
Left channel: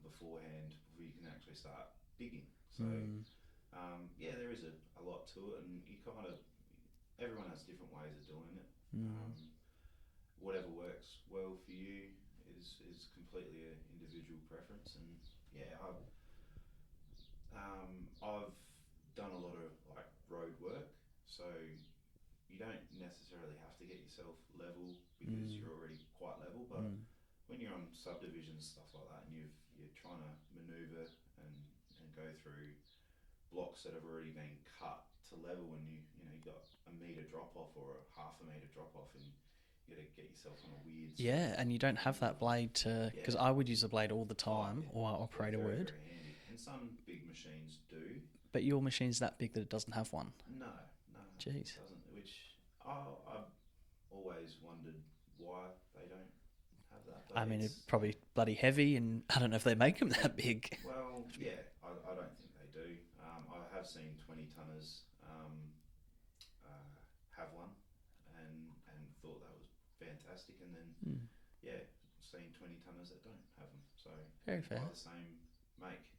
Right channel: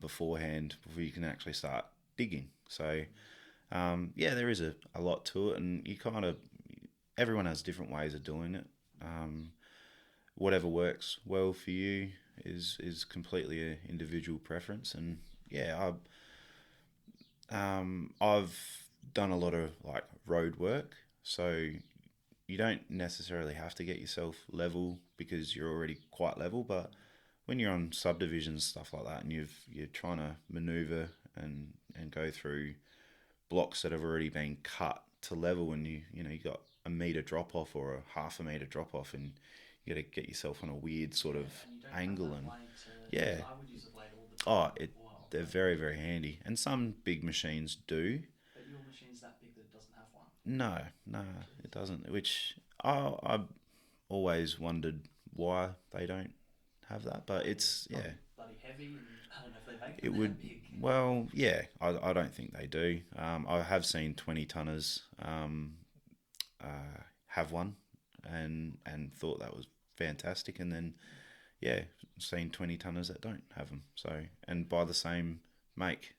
beforehand before you can actually start digging. So there is a lot to it, and everyone has different ways of doing it. Whatever works well for you is completely an individual preference, and I've done a lot of like road work, so you don't necessarily have to get yourself level because you're already quite level, but when you're on subdivisions, stuff like that, and you're trying to maneuver and go through blocks that have already been cut to level, and you got a metre drop off or a half a metre drop off, and you got to get yourself on a weird sort of and you don't have that blade to, because I would use the blade all the time. They're very, very handy, and some big machines do. But your machine's that big that it doesn't have one? No, it doesn't, which I've always wondered why they don't have that. But it's probably bloody heavy, and I don't know if they make them that big. Well, yeah, I don't think they do. I have seen 20-tonners have one and thought that was fantastic, and then seen 20-tonners that don't have them. So by the same make,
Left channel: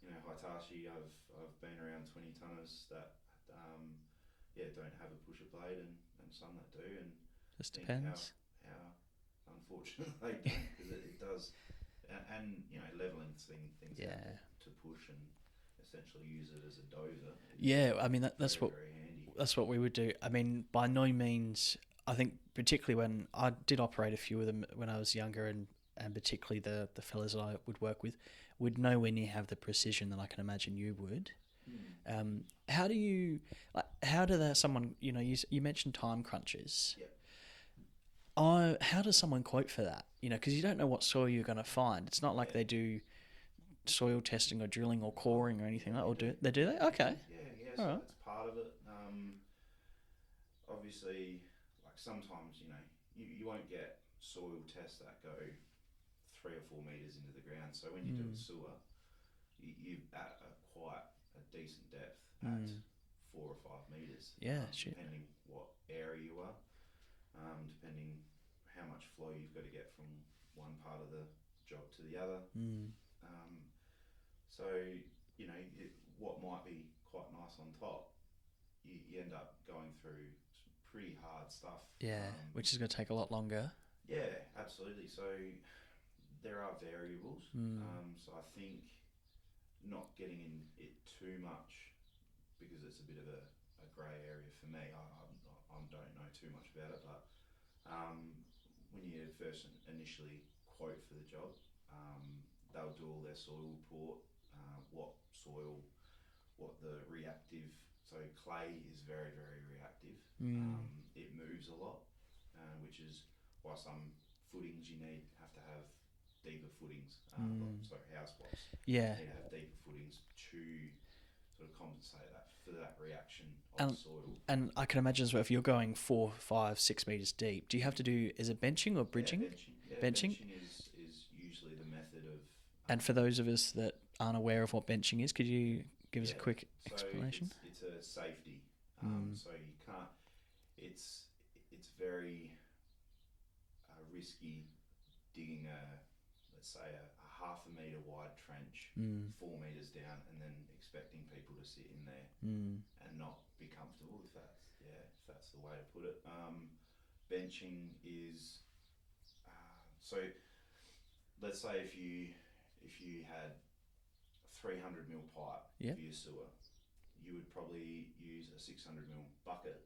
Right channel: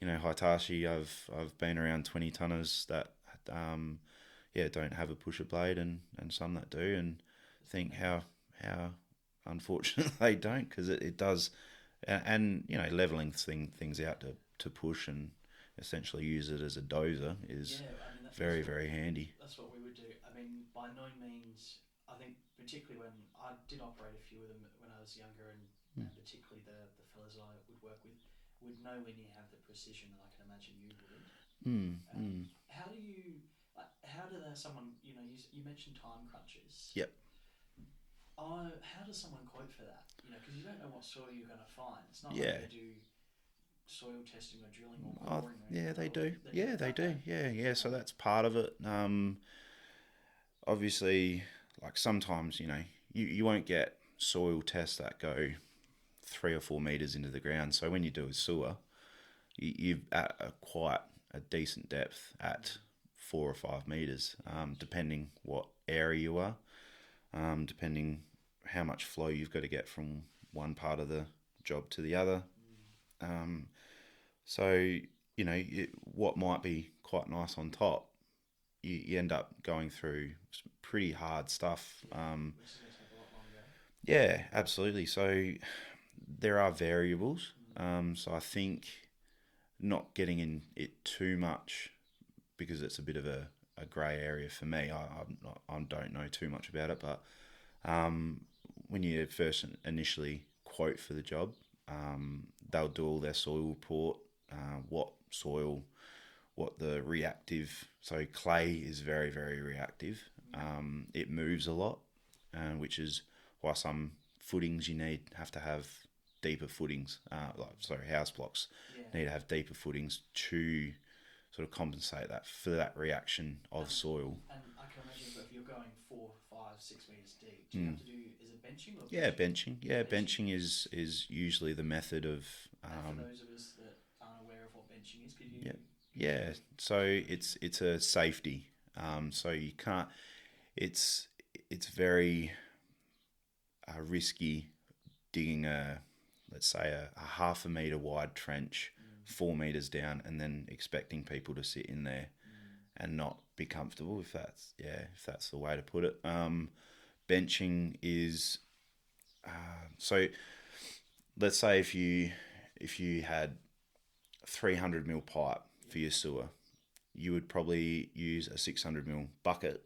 Hitachi, I've been around 20-tonners that don't have a pusher blade, and some that do, and just think how unfortunate they don't, because it does, and leveling things out to push and essentially use it as a dozer is that's very handy. That's what we would do. I mean, by no means, I think particularly when I did operate a few of them when I was younger, and particularly the fellas that I would work with would nowhere near have the precision that I can imagine you would. How do someone, you mentioned time crunches. Yep. How does someone quote for that? Because you don't know what soil you're going to find. It's not like they do soil testing or drilling or coring or anything. They do. Okay. Yeah. So that's part of it. Obviously, like sometimes you won't get soil tests that go 3 or 4 meters into the ground. So when you do a sewer, you're at quite a decent depth at 4 or 5 meters, depending what area you are, depending how much flow you've got to get from one part of the job to the other. So what might be quite nice on top, you end up going through some pretty hard stuff. Which is going to take a lot longer. Yeah, absolutely. So there are variables. So I think not getting in it too much, because it's a bit of a grey area for me. I don't know too much about it, but when you first initially quote for the job, they'll do all their soil report, what soil, what the reactive. So clay is very, very reactive. It moves a lot, which is why some footings have to have deeper footings. House blocks need to have deeper footings to sort of compensate that for that reaction of soil. And I can imagine as well, if you're going 4, 5, 6 meters deep, do you have to do, is it benching or bridging? Benching is usually the method of. And for those of us that aren't aware of what benching is, could you give us a quick explanation? So it's a safety. So you can't. It's very risky digging let's say a half a metre wide trench 4 metres down, and then expecting people to sit in there and not be comfortable, if that's the way to put it. Benching is so let's say if you had 300 mil pipe for your sewer, you would probably use a 600 mil bucket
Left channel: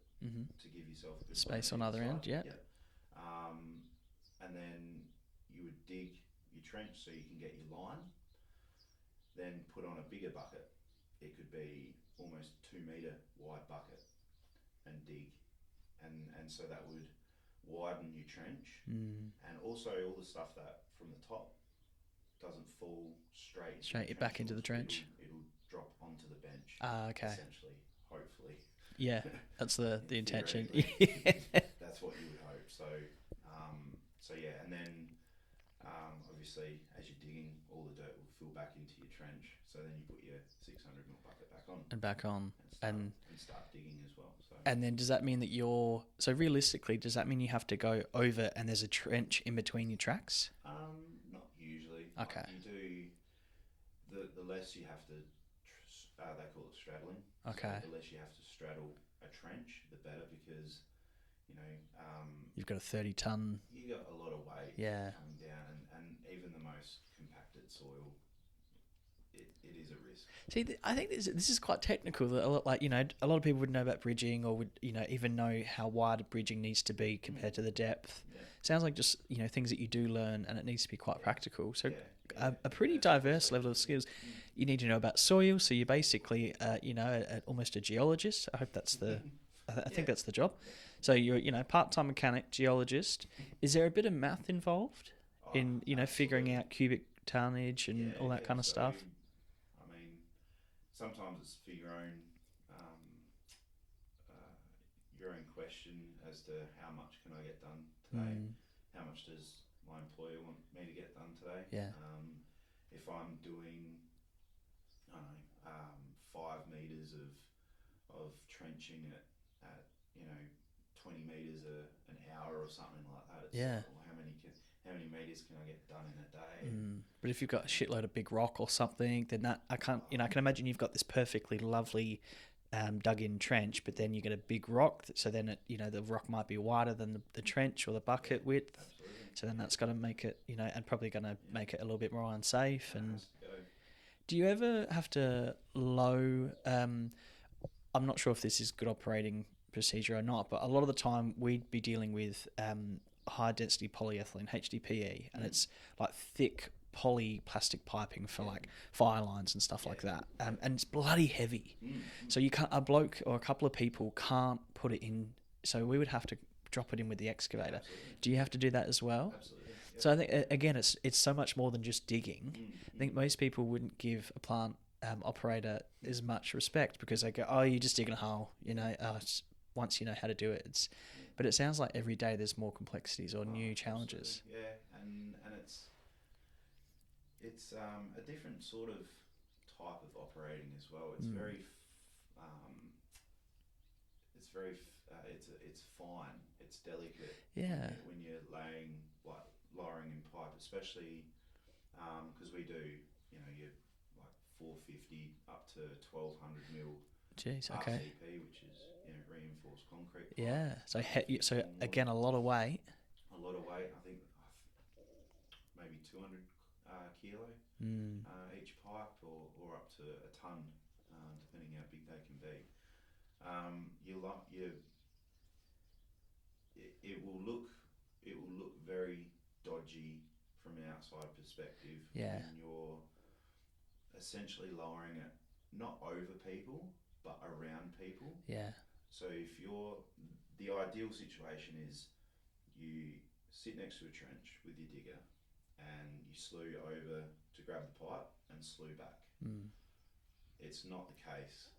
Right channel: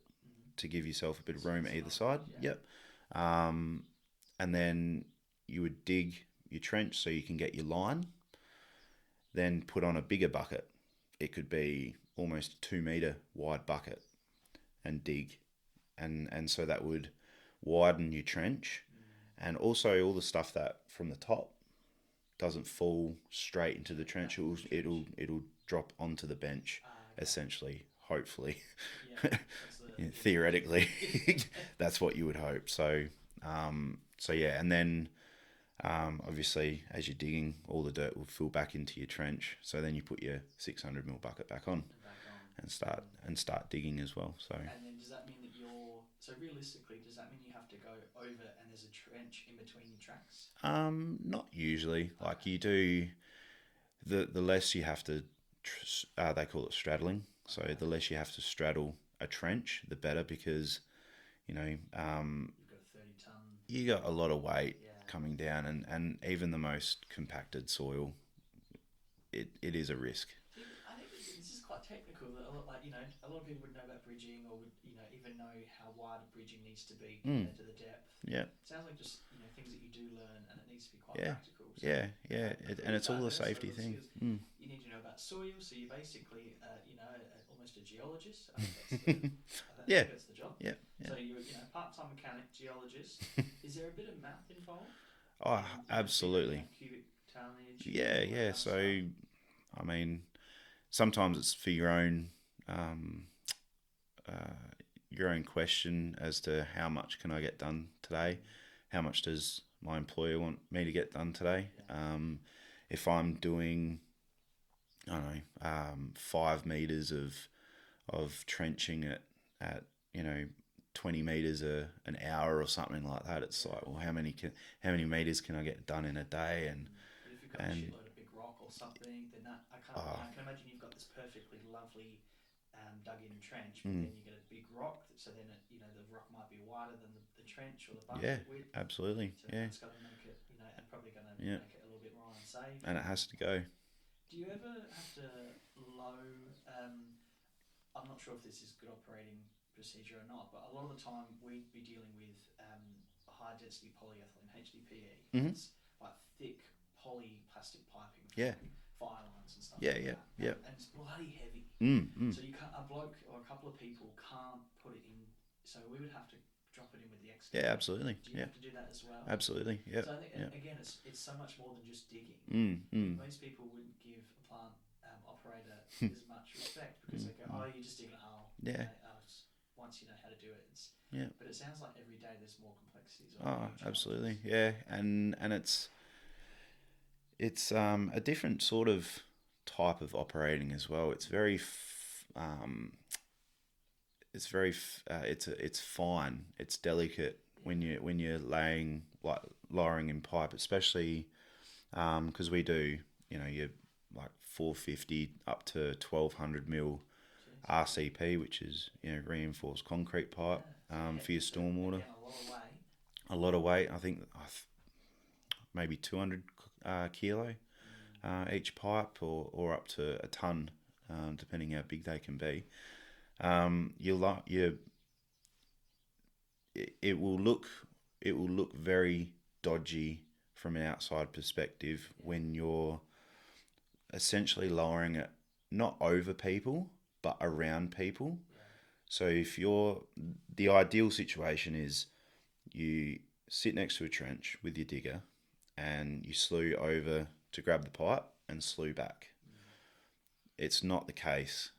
to give yourself a bit of room either side. Yep. And then you would dig your trench so you can get your line, then put on a bigger bucket. It could be almost a 2 metre wide bucket, and dig and so that would widen your trench, and also all the stuff that from the top doesn't fall straight into the trench. Back into the trench. It'll drop onto the bench, Okay. essentially. Hopefully, Yeah, that's the yeah, intention. theoretically, that's what you would hope. So, so yeah, and then obviously as you're digging, all the dirt will fill back into your trench. So then you put your 600 ml bucket back on And back on. and start digging as well. So And then does that mean that so realistically, does that mean you have to go over and there's a trench in between your tracks? not usually. Okay. Like you do, the less you have to. They call it straddling. Okay. So the less you have to straddle a trench, the better, because You've got a 30-ton. you got a lot of weight Yeah. coming down, and even the most compacted soil, it is a risk. See, I think this is quite technical. That a lot of people would know about bridging, or would even know how wide a bridging needs to be compared to the depth. Yeah. Sounds like just things that you do learn, and it needs to be quite practical. So Yeah. a And pretty it's all a diverse safety level of thing. skills. You need to know about soil, so you're basically almost a geologist. I hope that's the I Yeah. think that's the job. Yeah. So you're part-time mechanic, geologist. Is there a bit of math involved Oh, in figuring absolutely. out cubic tonnage and all that kind of so, stuff? I mean, sometimes it's for your own question as to how much can I get done today? How much does my employer want me to get done today? Yeah. If I'm doing, I don't know, 5 meters of trenching at 20 meters an hour or something like that, it's Yeah. like, well, how many meters can I get done in a day? And But if you've got a shitload of big rock or something, then that I can imagine you've got this perfectly lovely dug-in trench, but then you get a big rock, so then the rock might be wider than the trench or the bucket width. Absolutely. So then that's got to make it, and probably going to make it a little bit more unsafe. And it has to go. Do you ever have to low? I'm not sure if this is good operating procedure or not, but a lot of the time we'd be dealing with high density polyethylene (HDPE), and it's like thick poly plastic piping for like fire lines and stuff like that, and it's bloody heavy. So you can't, a bloke or a couple of people can't put it in. So we would have to drop it in with the excavator. Yeah, absolutely. Do you have to do that as well? Absolutely. Yep. So I think again, it's so much more than just digging. I think most people wouldn't give a plant operator as much respect because they go, "Oh, you're just digging a hole." Once you know how to do it, But it sounds like every day there's more complexities or new challenges. Absolutely. Yeah, and it's a different sort of type of operating as well. It's very it's fine. It's delicate when you're lowering in pipe, especially because we do you're like 450 up to 1200 mil RCP, which is reinforced concrete pipe for your stormwater. So again, a lot of weight. A lot of weight. I think maybe 200 kilo each pipe, or up to a ton, depending how big they can be. It will look very dodgy from an outside perspective when you're essentially lowering it not over people but around people. Yeah. So the ideal situation is you sit next to a trench with your digger and you slew over to grab the pipe and slew back. It's not the case.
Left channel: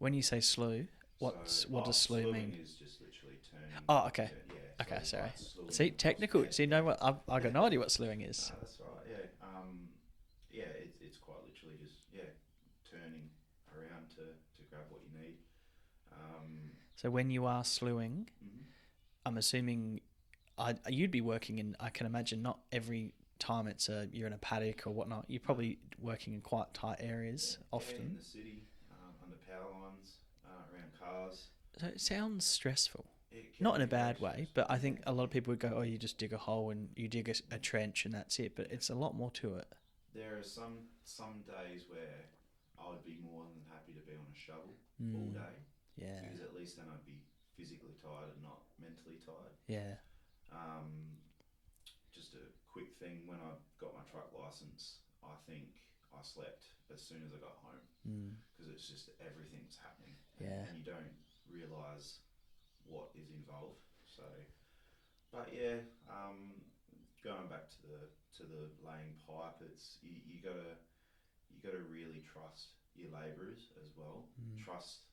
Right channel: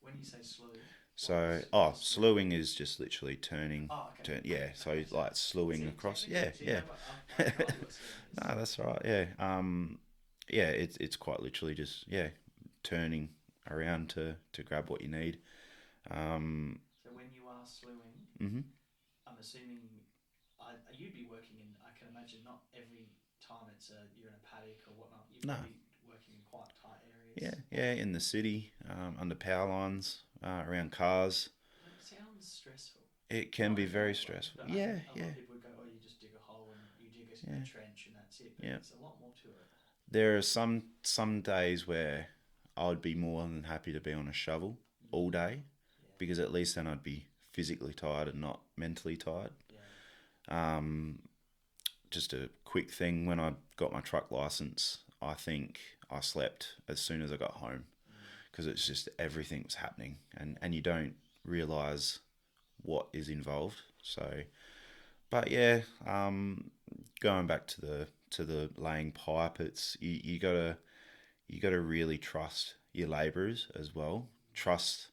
When you say slew, slewing is just literally turning. Oh, okay. So Okay, it's like slewing. See, across. technical. Yeah, so you know what? I have no idea what slewing is. No, that's right. Yeah. It's quite literally just turning around to grab what you need. So when you are slewing, I'm assuming you'd be working in. I can imagine not every time you're in a paddock or whatnot. You're probably working in quite tight areas. Yeah, in the city, under power lines, around cars. So it sounds stressful. It can not be in a very bad stressful. way, but I think a lot of people would go, "Oh, you just dig a hole and you dig a trench and that's it." But it's a lot more to it. There are some days where I would be more than happy to be on a shovel all day, because at least then I'd be physically tired and not mentally tired. Yeah. Just a quick thing, when I got my truck license, I think I slept as soon as I got home because it's just everything was happening, and you don't realise what is involved. So, but yeah, going back to the laying pipe, it's you gotta really trust your labourers as well. Trust.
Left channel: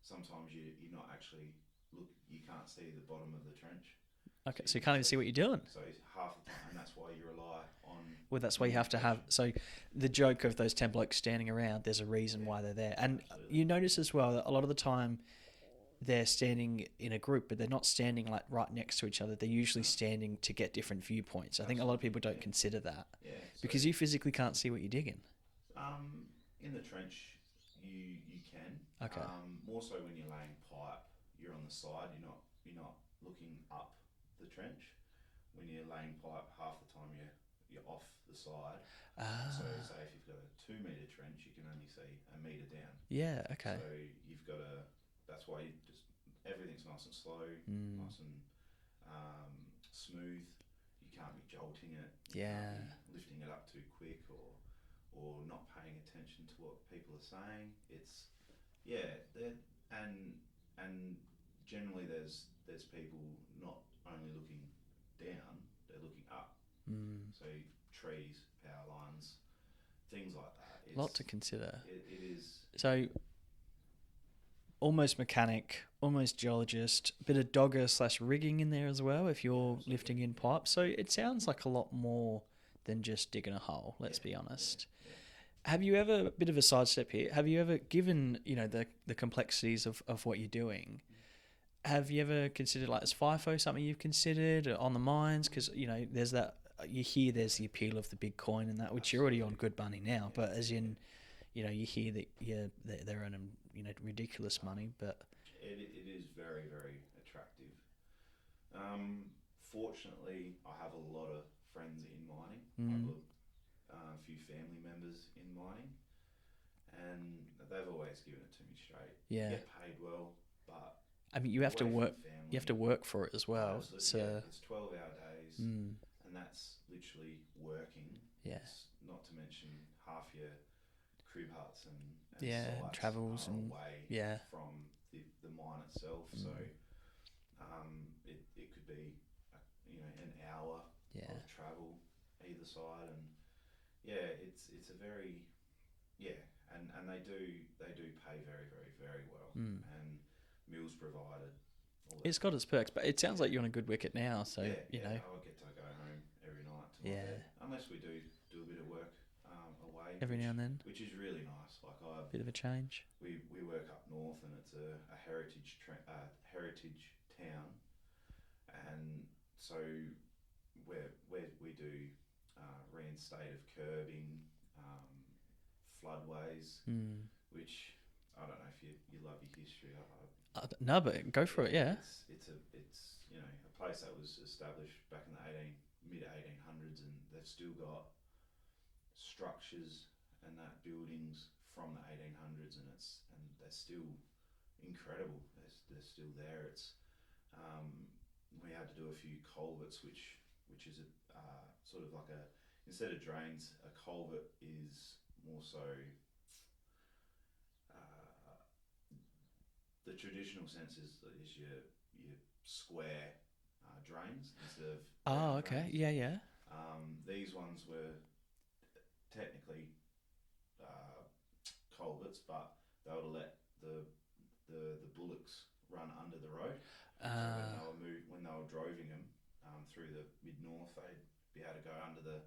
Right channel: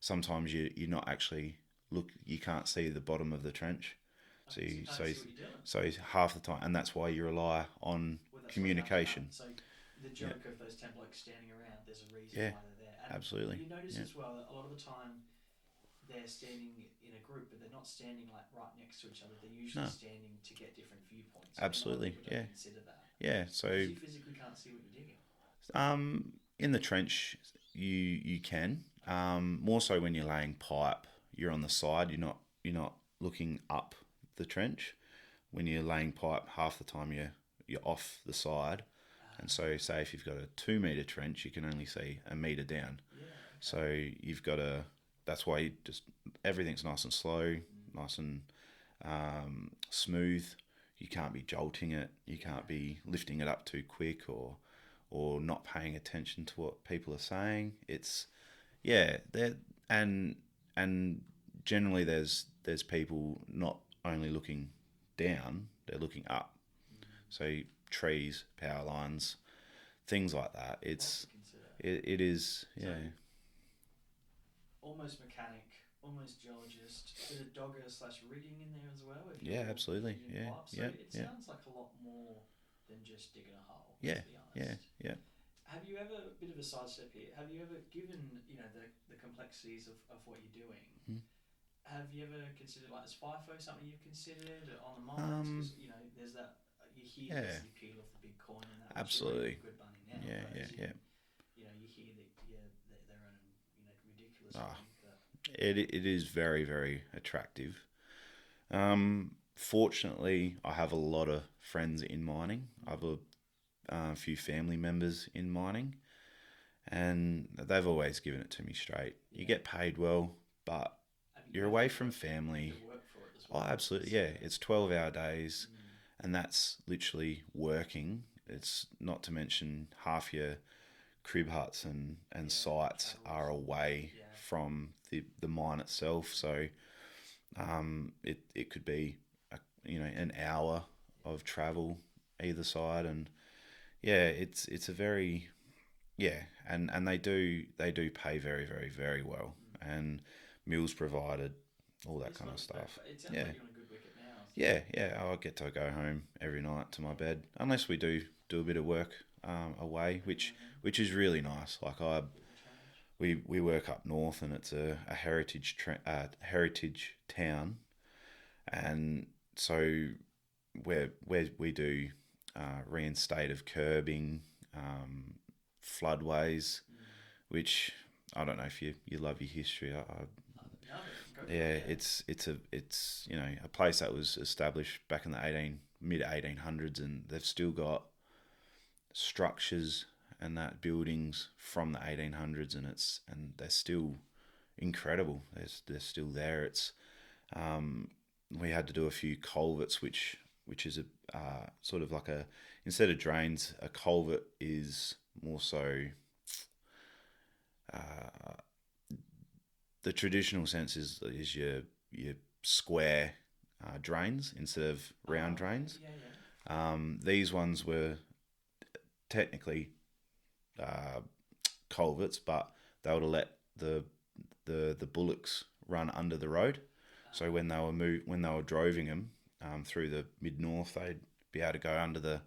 Sometimes you're not actually you can't see the bottom of the trench. Okay, so you can't even see what you're doing. So half the time, and that's why you rely on Well, that's why you have to have. So the joke of those 10 blokes standing around, there's a reason why they're there. And absolutely. You notice as well that a lot of the time they're standing in a group, but they're not standing like right next to each other. They're usually standing to get different viewpoints. I think a lot of people don't consider that. Yeah, so because you physically can't see what you're digging. In the trench, you can. Okay. More so when you're laying pipe, you're on the side. You're not looking up the trench. When you're laying pipe, half the time you're off the side. And so say if you've got a 2 meter trench, you can only see a meter down. Yeah, okay. So you've got to. That's why you just everything's nice and slow, nice and smooth. You can't be jolting it. You can't be lifting it up too quick or not paying attention to what people are saying. It's and generally there's people not only looking down, they're looking up. So trees, power lines, things like that. It's a lot to consider. It is. So almost mechanic, almost geologist, a bit of dogger / rigging in there as well if you're lifting in pipes. So it sounds like a lot more than just digging a hole, let's be honest. Yeah. Have you ever, a bit of a sidestep here, have you ever, given, the complexities of what you're doing, have you ever considered, like, is FIFO something you've considered on the mines? Because, there's that, you hear there's the appeal of the big coin and that, which you're already on good money now, but as in, you hear that they're earning, ridiculous money, but... It is very, very attractive. Fortunately, I have a lot of friends in mining. I have a few family members in mining, and they've always given it to me straight. You get paid well, but you're away from family. You have to work for it as well. Oh, absolutely, so... It's 12-hour days, and that's literally working. It's not to mention half your crib huts and sites are away from the mine itself. So it could be an hour of travel either side, and it's a very and they do pay very, very, very well, and meals provided, all that. It's got its perks, but it sounds like you're on a good wicket now. So I get to go home every night to my bed, unless we do a bit of work away, which is really nice. Like bit of a change. We work up north, and it's a heritage town, and so we do reinstated curbing, floodways, which I don't know if you love your history. No, but go for it. Yeah, it's a place that was established back in the mid 1800s, and they've still got structures and that buildings from the 1800s, and they're still incredible. They're still there. It's we had to do a few culverts, which is a sort of like instead of drains, a culvert is more so the traditional sense is your square drains instead of round drains. These ones were technically culverts, but they would have let the bullocks run under the road. So when they were droving them through the mid north, they'd be able to go under the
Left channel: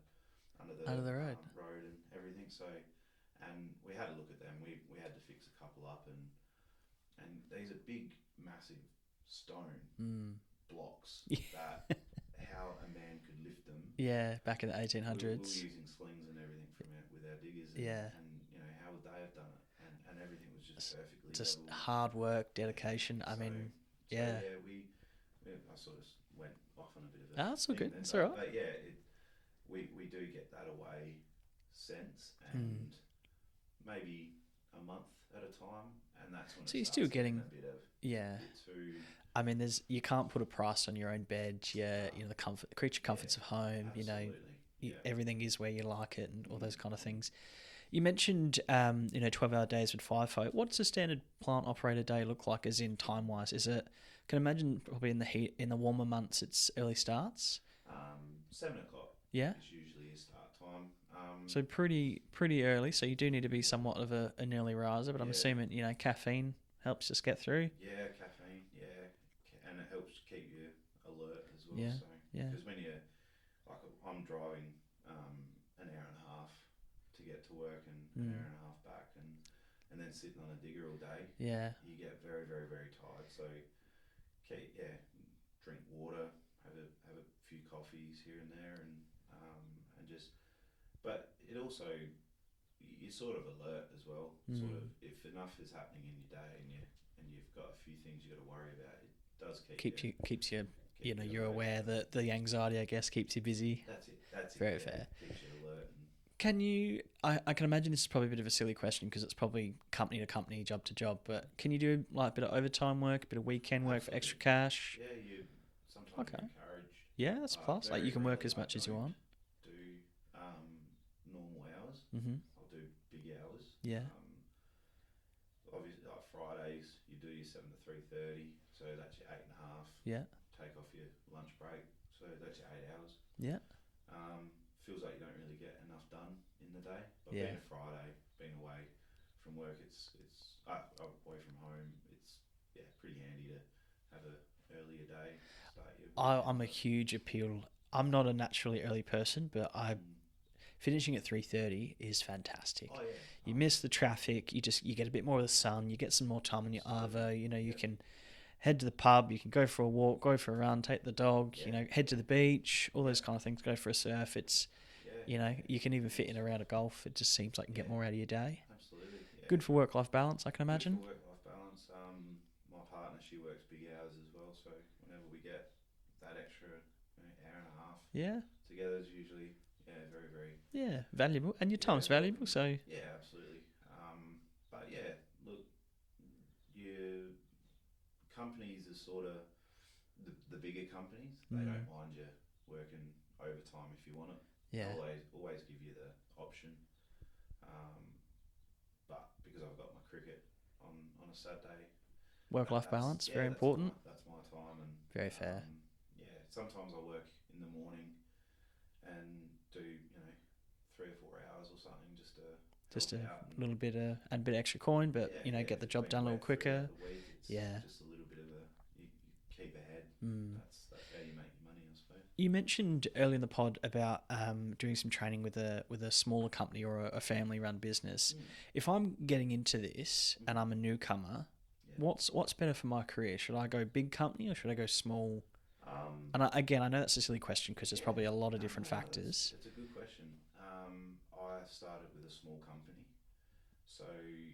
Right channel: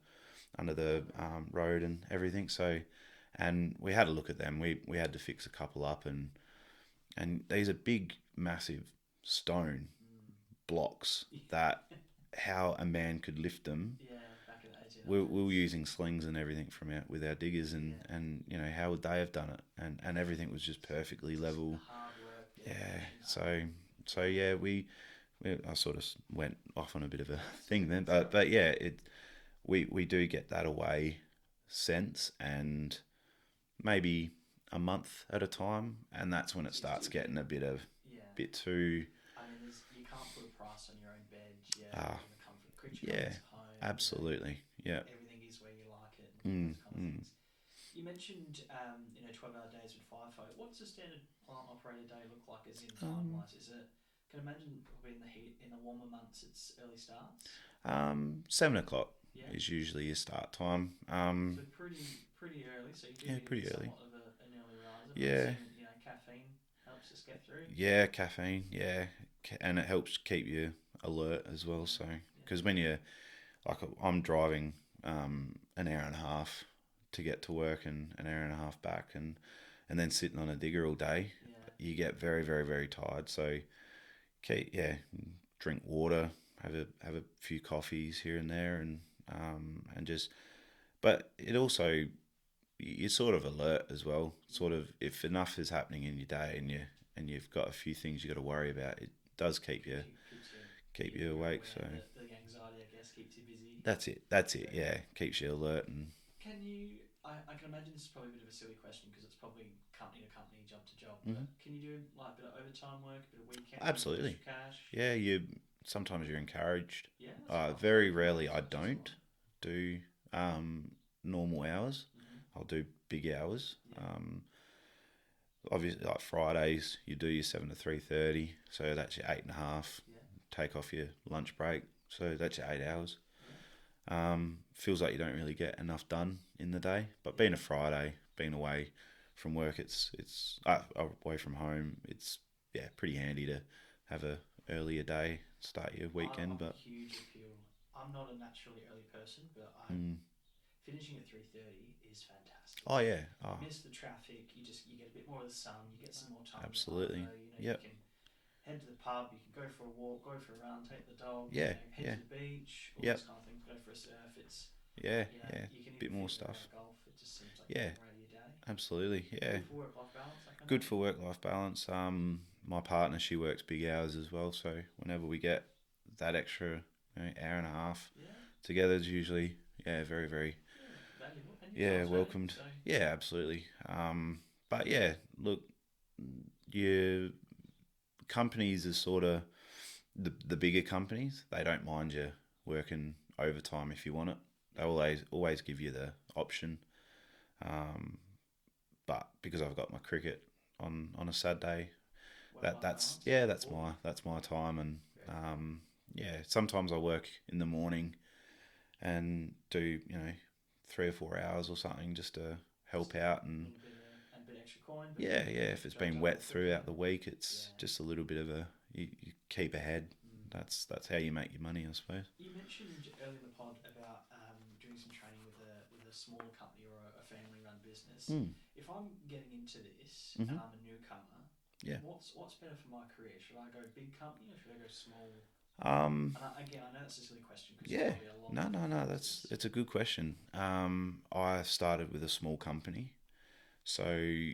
road and everything. So, and we had a look at them. We had to fix a couple up, and these are big, massive stone blocks that how a man could lift them. Yeah, back in the 1800s. We were using slings and everything with our diggers, and how would they have done it? And everything was just perfectly level. Hard work, dedication. I sort of went off on a bit of a thing then, but we do get that away sense, and maybe a month at a time, and that's when it starts getting a bit too. I mean, you can't put a price on your own bed. The creature comforts of home. Absolutely, everything is where you like it, and all those kind of things. You mentioned 12-hour days with FIFO. What's a standard plant operator day look like, as in time wise? Is it? Can imagine probably in the heat, in the warmer months, it's early starts. 7 o'clock Yeah. is usually your start time. So pretty early. So you do need to be pretty early. somewhat of an early riser, but I'm Yeah. assuming caffeine helps us get through. Yeah, caffeine. Yeah, and it helps keep you alert as well. Yeah, So yeah. because when you're like I'm driving an hour and a half to get to work and an hour and a half back, and then sitting on a digger all day, Yeah. you get very very very tired. So drink water, have a few coffees here and there, and just. But it also you're sort of alert as well. Sort of if enough is happening in your day and you've got a few things you got to worry about, it does keeps you You're awake. aware So that the anxiety, I guess, keeps you busy. that's it. Very Yeah, fair. keeps you alert and Can you? I can imagine this is probably a bit of a silly question because it's probably company to company, job to job. But can you do like a bit of overtime work, a bit of weekend work for Absolutely. extra cash? yeah, sometimes you're encouraged. Yeah, that's class. Very You can work rarely as I much as you don't want. do normal hours. Mhm. I'll do big hours. Yeah. Obviously, like Fridays, you do your 7 to 3:30, so that's your 8.5. Yeah. Take off your lunch break, so that's your 8 hours. Yeah. Feels like you don't really get enough done in the day, but Yeah. being a Friday, being away from work, it's away from home. It's pretty handy to have a earlier day, start your weekend. I'm a huge appeal. I'm not a naturally early person, but finishing at 3:30 is fantastic. Oh yeah, You miss the traffic. You get a bit more of the sun. You get some more time Absolutely. on your arvo. You Yep. can head to the pub. You can go for a walk, go for a run, take the dog. Yeah, Head to yeah. the beach. All Yep. those kind of things. Go for a surf. It's yeah. you can even Bit fit more in a round stuff. of golf. It just seems like you get Yeah. more out of your day. Absolutely, yeah. Good for work-life balance, I can Good imagine. for work-life balance. My partner, she works big hours as well, so whenever we get that extra hour and a half Yeah, together is usually very very yeah, valuable, and your Yeah, time's valuable. welcomed. So yeah, absolutely. But yeah, look, your companies are sort of the bigger companies. They don't mind you working overtime if you want it. yeah, They always give you the option. But because I've got my cricket on a Saturday, work-life that's balance. yeah, very that's important. my time, and Very fair. sometimes I work in the morning and do 3 or 4 hours or something just to help Just a out A and little bit and a bit extra coin, but get get the if it's job been done a little wet quicker. throughout the week, it's Yeah. just a little bit of you keep ahead. Mm. That's how you make your money, I suppose. You mentioned early in the pod about doing some training with a smaller company or a family-run business. If I'm getting into this and I'm a newcomer, Yeah. what's better for my career? Should I go big company or should I go small? Um, And I know that's a silly question because there's yeah. probably a lot of No, different no, factors. it's a good question. I started with a small company, so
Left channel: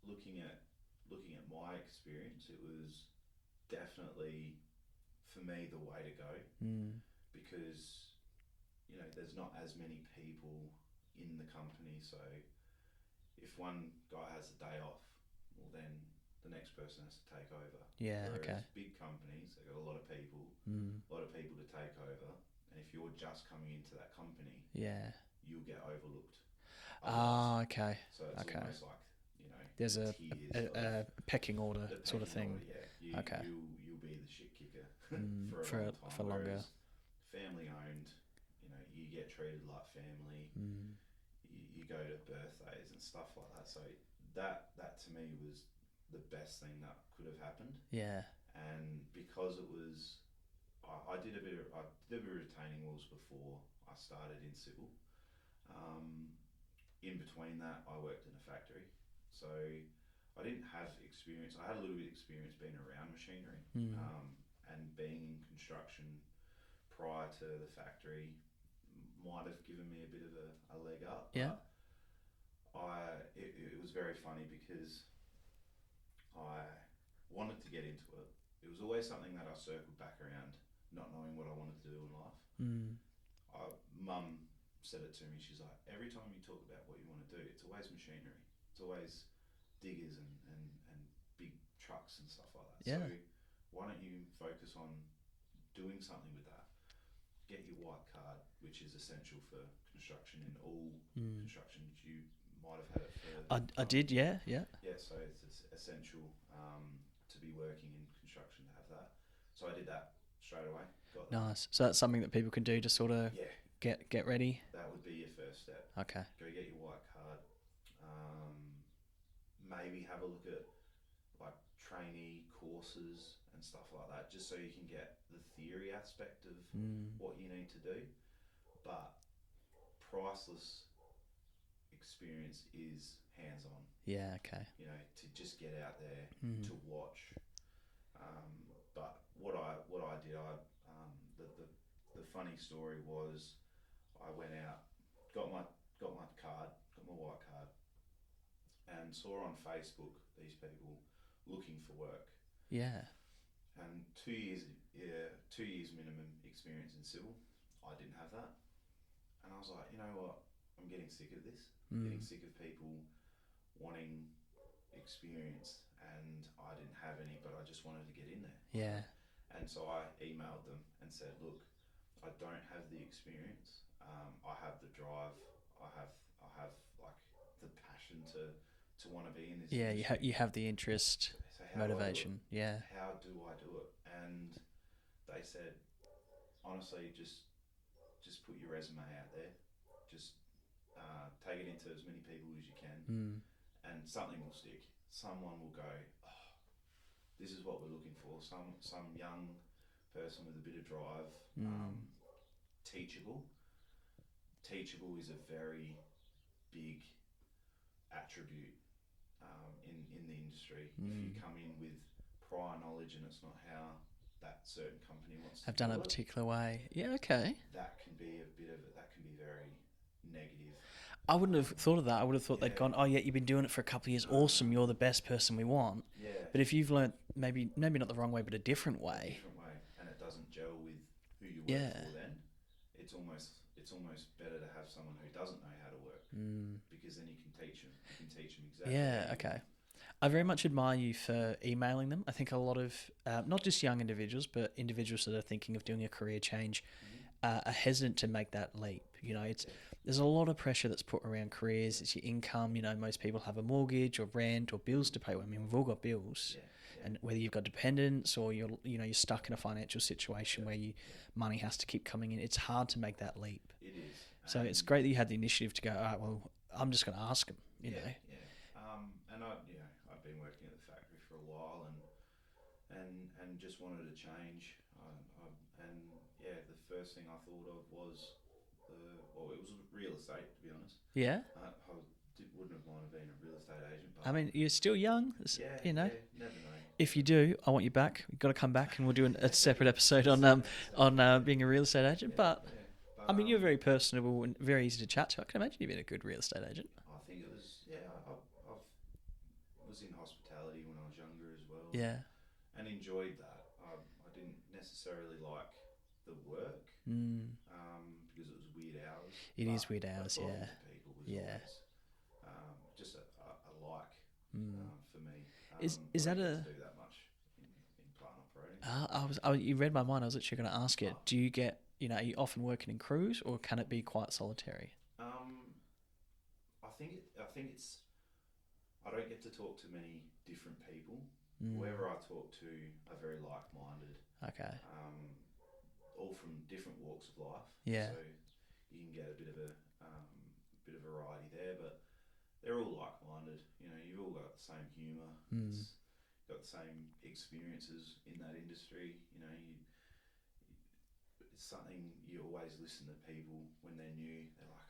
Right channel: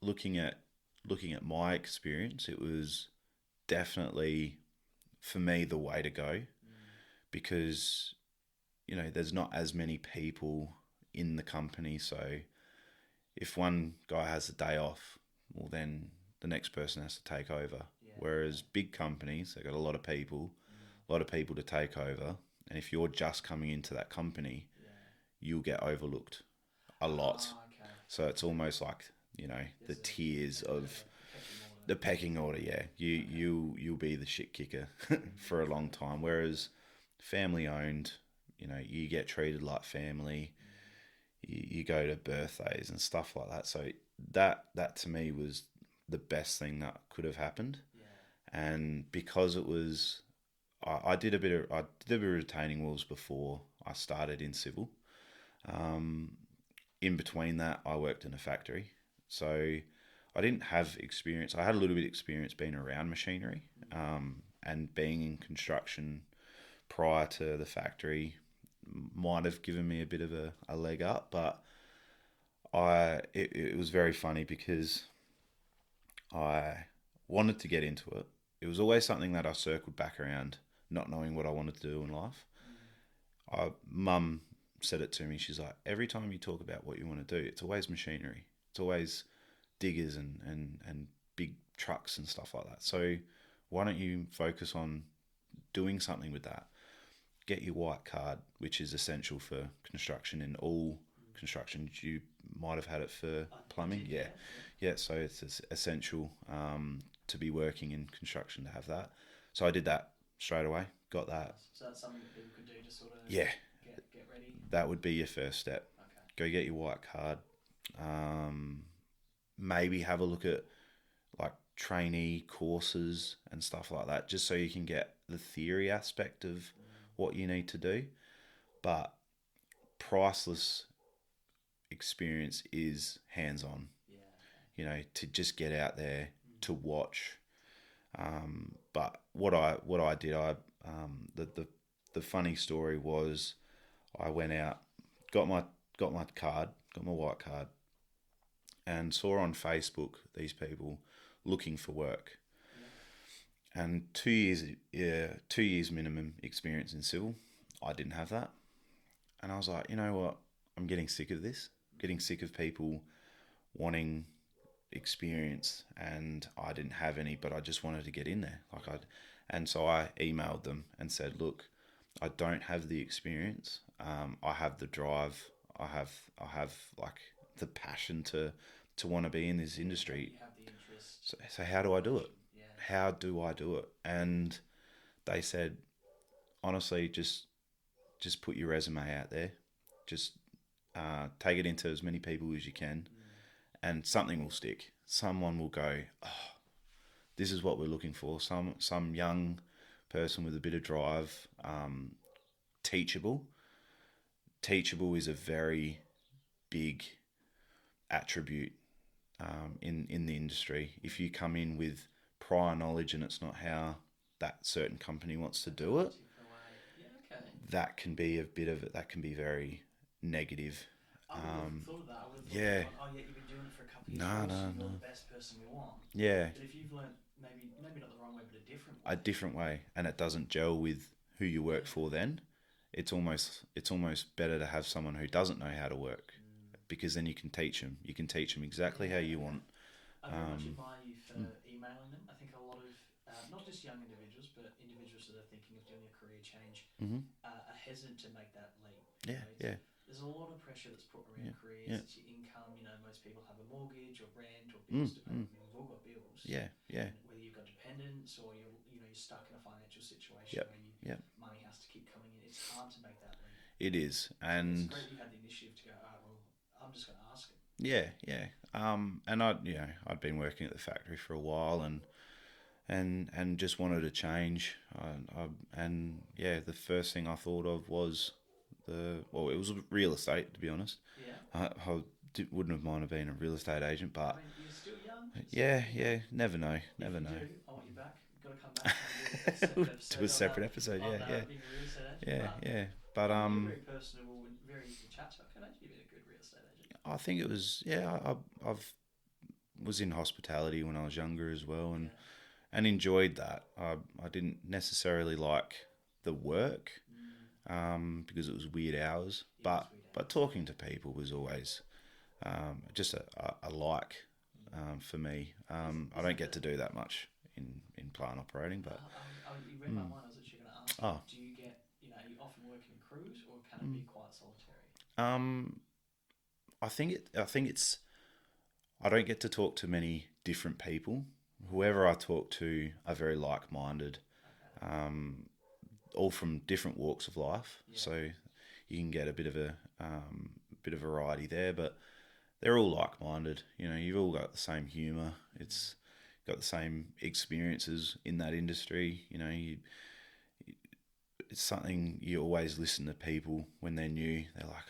looking at my experience, it was definitely for me the way to go because there's not as many people in the company, so if one guy has a day off, well then the next person has to take over. Yeah, Whereas okay. big companies, they've got a lot of people to take over, and if you're just coming into that company, Yeah. you'll get overlooked a lot. Ah, okay. So it's Okay. almost like There's the a tiers of a pecking order. the sort of pecking thing. order. Yeah, Okay. you'll be the shit kicker for a for- long time. for Whereas family owned, you get treated like family. You go to birthdays and stuff like that. So that to me was the best thing that could have happened. Yeah. And because it was, I did a bit of retaining walls before I started in civil. In between that, I worked in a factory, so I didn't have experience. I had a little bit of experience being around machinery, and being in construction prior to the factory might have given me a bit of a leg up. But it was very funny because I wanted to get into it. It was always something that I circled back around, not knowing what I wanted to do in life. Mum said it to me. She's like, every time you talk about what you want to do, it's always machinery. It's always diggers and big trucks and stuff like that. Yeah. So why don't you focus on doing something with that? Get your white card, which is essential for construction in all construction. You might have had it for I plumbing. did, yeah. Yeah, so it's essential. to be working in construction to have that. So I did that straight away. Got that. Nice. So that's something that people can do to sort of Yeah, get ready. that would be your first step. Okay. Go get your white card. Maybe have a look at like trainee courses and stuff like that, just so you can get the theory aspect of what you need to do. But priceless experience is hands-on. Yeah. Okay. You know, to just get out there to watch. But what I did, the funny story was, I went out, got my white card, and saw on Facebook these people looking for work. Yeah. And 2 years minimum experience in civil. I didn't have that, and I was like, you know what? I'm getting sick of this. Getting sick of people wanting experience, and I didn't have any, but I just wanted to get in there. And so I emailed them and said, look, I don't have the experience. I have the drive. I have like the passion to want to be in this industry. You have the interest. So how do I do it? Yeah. How do I do it? And they said, honestly, just put your resume out there. Just take it into as many people as you can, and something will stick. Someone will go, oh, this is what we're looking for. Some young person with a bit of drive, teachable. Teachable is a very big attribute in the industry. If you come in with prior knowledge and it's not how that certain company wants to do it, done a particular way. Yeah, okay. That can be that can be very negative. I wouldn't have thought of that. I would have thought they'd gone, oh yeah, you've been doing it for a couple of years. Awesome, you're the best person we want. Yeah. But if you've learnt maybe not the wrong way, but a different way. And it doesn't gel with who you work for, then it's almost better to have someone who doesn't know how to work, because then you can teach them. You can teach them exactly how you want. I very much admire you for emailing them. I think a lot of, not just young individuals, but individuals that are thinking of doing a career change are hesitant to make that leap. You know, there's a lot of pressure that's put around careers. It's your income. You know, most people have a mortgage or rent or bills to pay. I mean, we've all got bills. And whether you've got dependents or you're stuck in a financial situation where money has to keep coming in, it's hard to make that leap. It is. So it's great that you had the initiative to go, all right, well, I'm just going to ask them. And I'd been working at the factory for a while and just wanted to change. The first thing I thought of was it was real estate, to be honest. Yeah. I wouldn't have minded being a real estate agent, but I mean, you're still young. Never know. If you do, I want you back. You've got to come back, and we'll do a separate episode on being a real estate agent. But I mean, you're very personable and very easy to chat to. I can imagine you've been a good real estate agent. I think it was. I was in hospitality when I was younger as well. And enjoyed that. I didn't necessarily like the work because it was weird hours. It is weird hours. But talking to people was always just a like for me. I don't get to do that much in plant operating. You read my mind. I was actually going to ask you. Do you get? Are you often working in crews, or can it be quite solitary? I think it's. I don't get to talk to many different people. Whoever I talk to are very like-minded. Okay. All from different walks of life. Yeah. So you can get a bit of variety there, but they're all like-minded. You've all got the same humour. It's got the same experiences in that industry. It's something you always listen to people when they're new. They're like,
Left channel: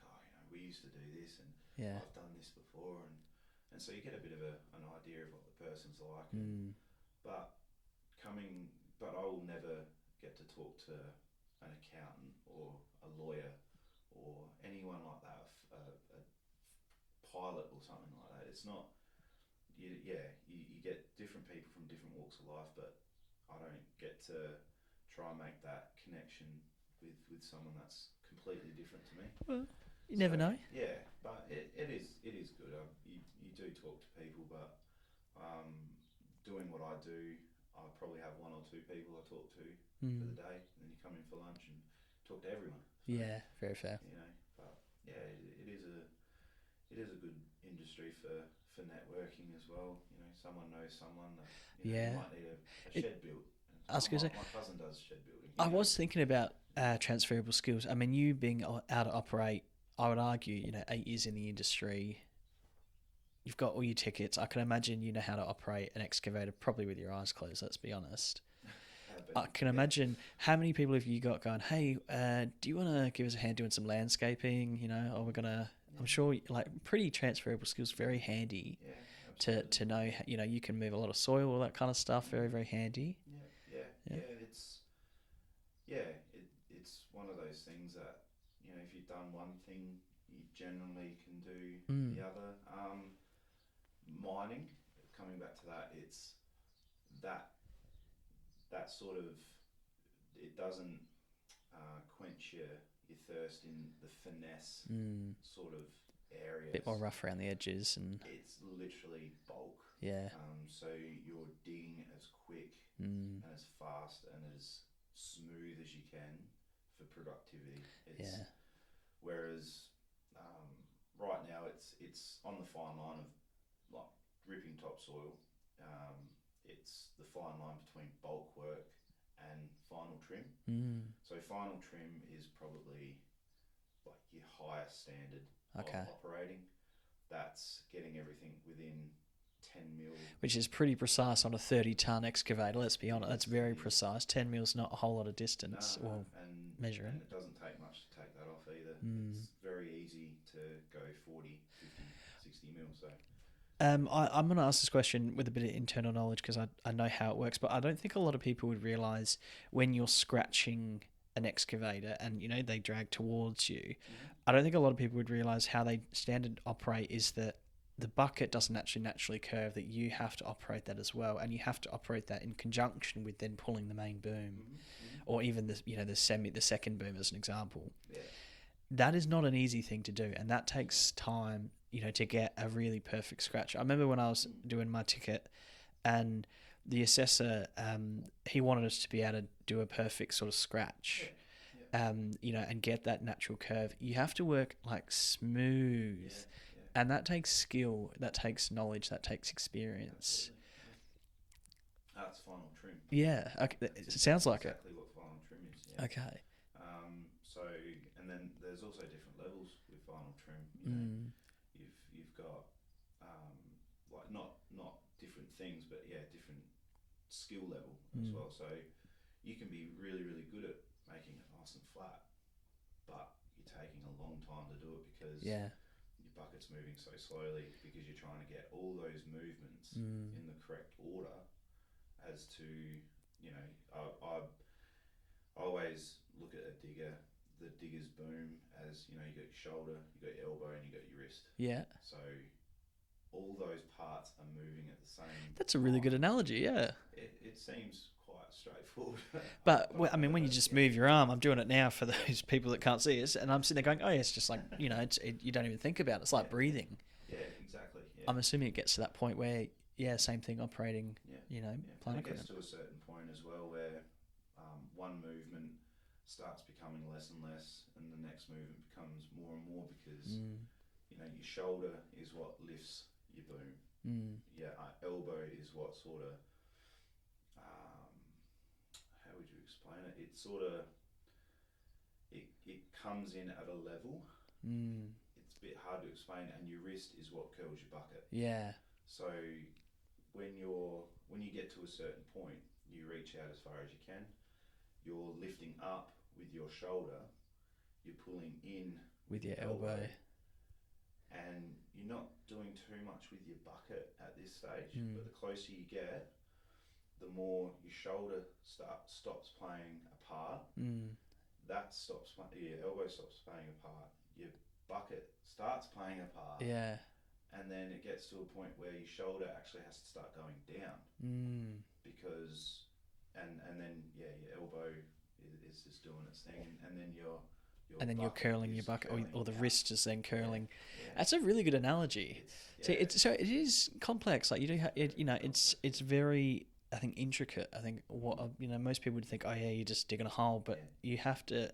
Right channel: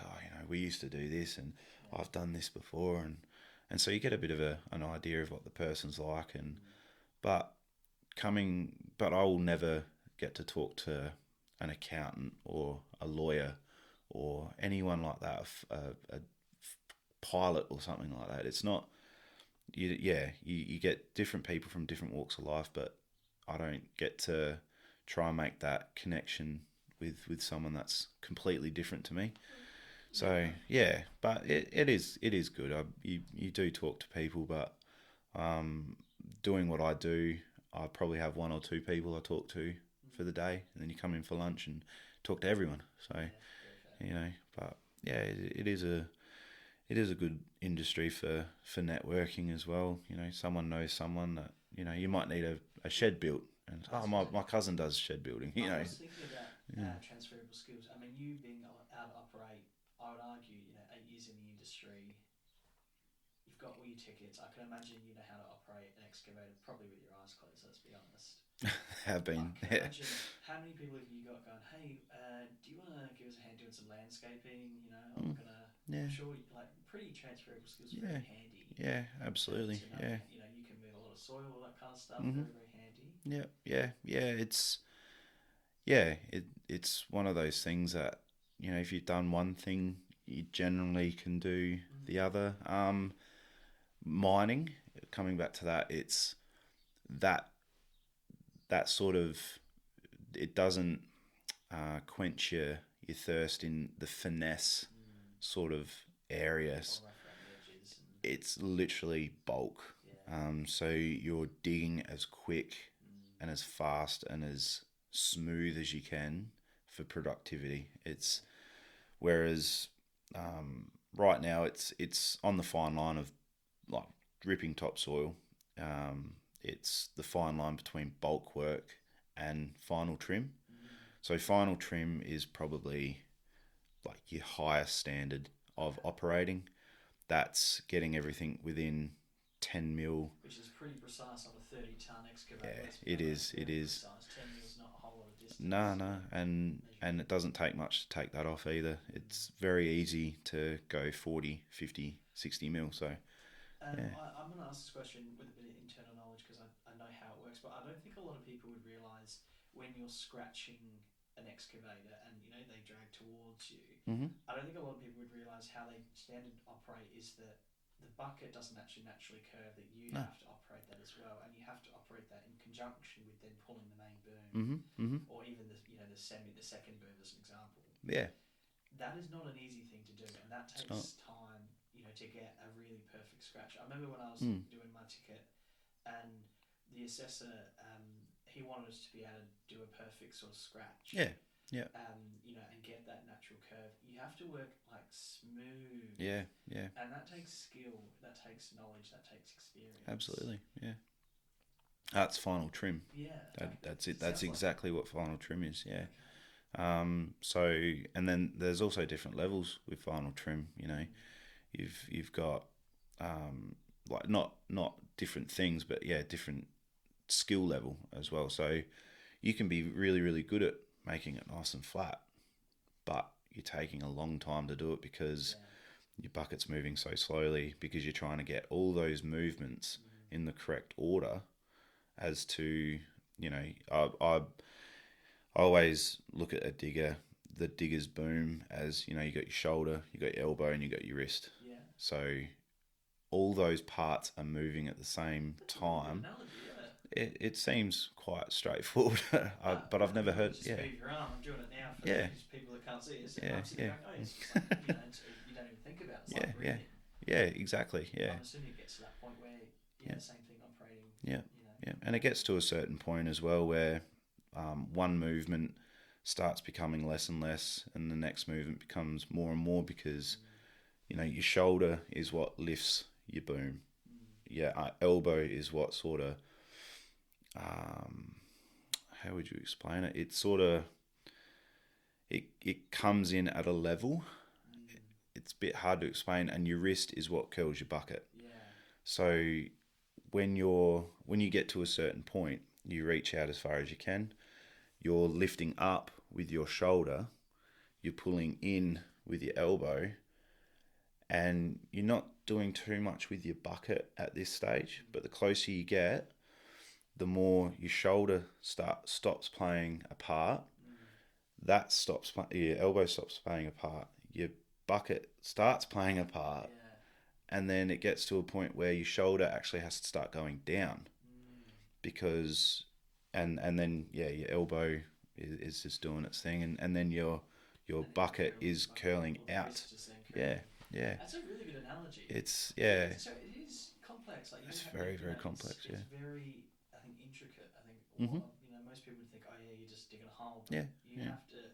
we used to do this, and I've done this before, and so you get a bit of an idea of what the person's like, but I will never get to talk to an accountant or a lawyer or anyone like that, a pilot or something like that. It's not. You get different people from different walks of life, but I don't get to try and make that connection with someone that's completely different to me. You never know. Yeah, but it is good. You do talk to people, but doing what I do, I probably have one or two people I talk to for the day, and then you come in for lunch and talk to everyone. So, yeah, very fair. But yeah, it is it is a good industry for networking as well. You know, someone knows someone that, you know, you Yeah. might need a shed built. And I was gonna say- my cousin does shed building. I was thinking about transferable skills. I mean, you being able to operate, I would argue, 8 years in the industry, you've got all your tickets. I can imagine you know how to operate an excavator probably with your eyes closed, let's be honest. have been. I can imagine how many people have you got going, hey, do you want to give us a hand doing some landscaping, or we're going to, I'm sure, like, pretty transferable skills, very handy. Yeah, absolutely. To know, you can move a lot of soil, all that kind of stuff, very, very handy. Yeah. It's one of those things that, if you've done one thing, you generally can do the other. Mining, coming back to that, it's that sort of, it doesn't quench your thirst in the finesse sort of areas. A bit more rough around the edges, and it's literally bulk. Yeah. So you're digging as quick and as fast and as smooth as you can for productivity. It's whereas right now it's on the fine line of like ripping topsoil. It's the fine line between bulk work and final trim. So final trim is probably like your highest standard of operating. That's getting everything within 10 mil. Which is pretty precise on a 30-ton excavator, let's be honest. It's very precise. 10 mil's not a whole lot of distance. No. And it doesn't take much to take that off either. It's very easy to go 40, 50, 60 mil. So I'm going to ask this question with a bit of internal knowledge because I know how it works, but I don't think a lot of people would realise when you're scratching an excavator and, they drag towards you, I don't think a lot of people would realise how they standard operate is that the bucket doesn't actually naturally curve, that you have to operate that as well, and you have to operate that in conjunction with then pulling the main boom, or even the second boom as an example. Yeah. That is not an easy thing to do, and that takes time, to get a really perfect scratch. I remember when I was doing my ticket, and the assessor, he wanted us to be able to do a perfect sort of scratch. Yeah. And get that natural curve. You have to work like smooth. Yeah. And that takes skill, that takes knowledge, that takes experience. Absolutely. Yeah. That's final trim. Yeah. Okay. That's it. Sounds That's exactly what final trim is. Yeah. Okay. So, and then there's also different levels with final trim. You've got like not different things, but different skill level as well. So you can be really, really good at making it nice and flat, but you're taking a long time to do it because your bucket's moving so slowly, because you're trying to get all those movements in the correct order as to, I always look at the digger's boom as, you got your shoulder, you got your elbow, and you got your wrist. Yeah. So all those parts are moving at the same That's a time. really good analogy, yeah. It seems quite straightforward. But I've never when heard, you just move your arm, I'm doing it now for Yeah. those people that can't see us, and I'm sitting there going, oh, yeah, it's just like, you don't even think about it. It's like breathing. Yeah, exactly. Yeah. I'm assuming it gets to that point where, same thing operating, Yeah. And it gets to a certain point as well where one movement starts becoming less and less, and the next movement becomes more and more because, your shoulder is what lifts your boom. Elbow is what sort of, how would you explain it? It's sort of, it comes in at a level. It's a bit hard to explain, and your wrist is what curls your bucket. Yeah. So when you get to a certain point, you reach out as far as you can. You're lifting up with your shoulder. You're pulling in with your elbow. And you're not doing too much with your bucket at this stage, but the closer you get, the more your shoulder stops playing a part. Your elbow stops playing a part. Your bucket starts playing a part. Yeah. And then it gets to a point where your shoulder actually has to start going down because, and then your elbow is just doing its thing, and then your bucket is curling or the out. wrist is then curling. Yeah. That's a really good analogy. It's So it is complex. Like you do have, very it's complex, very I think intricate. I think what most people would think, oh yeah, you're just digging a hole, but you have to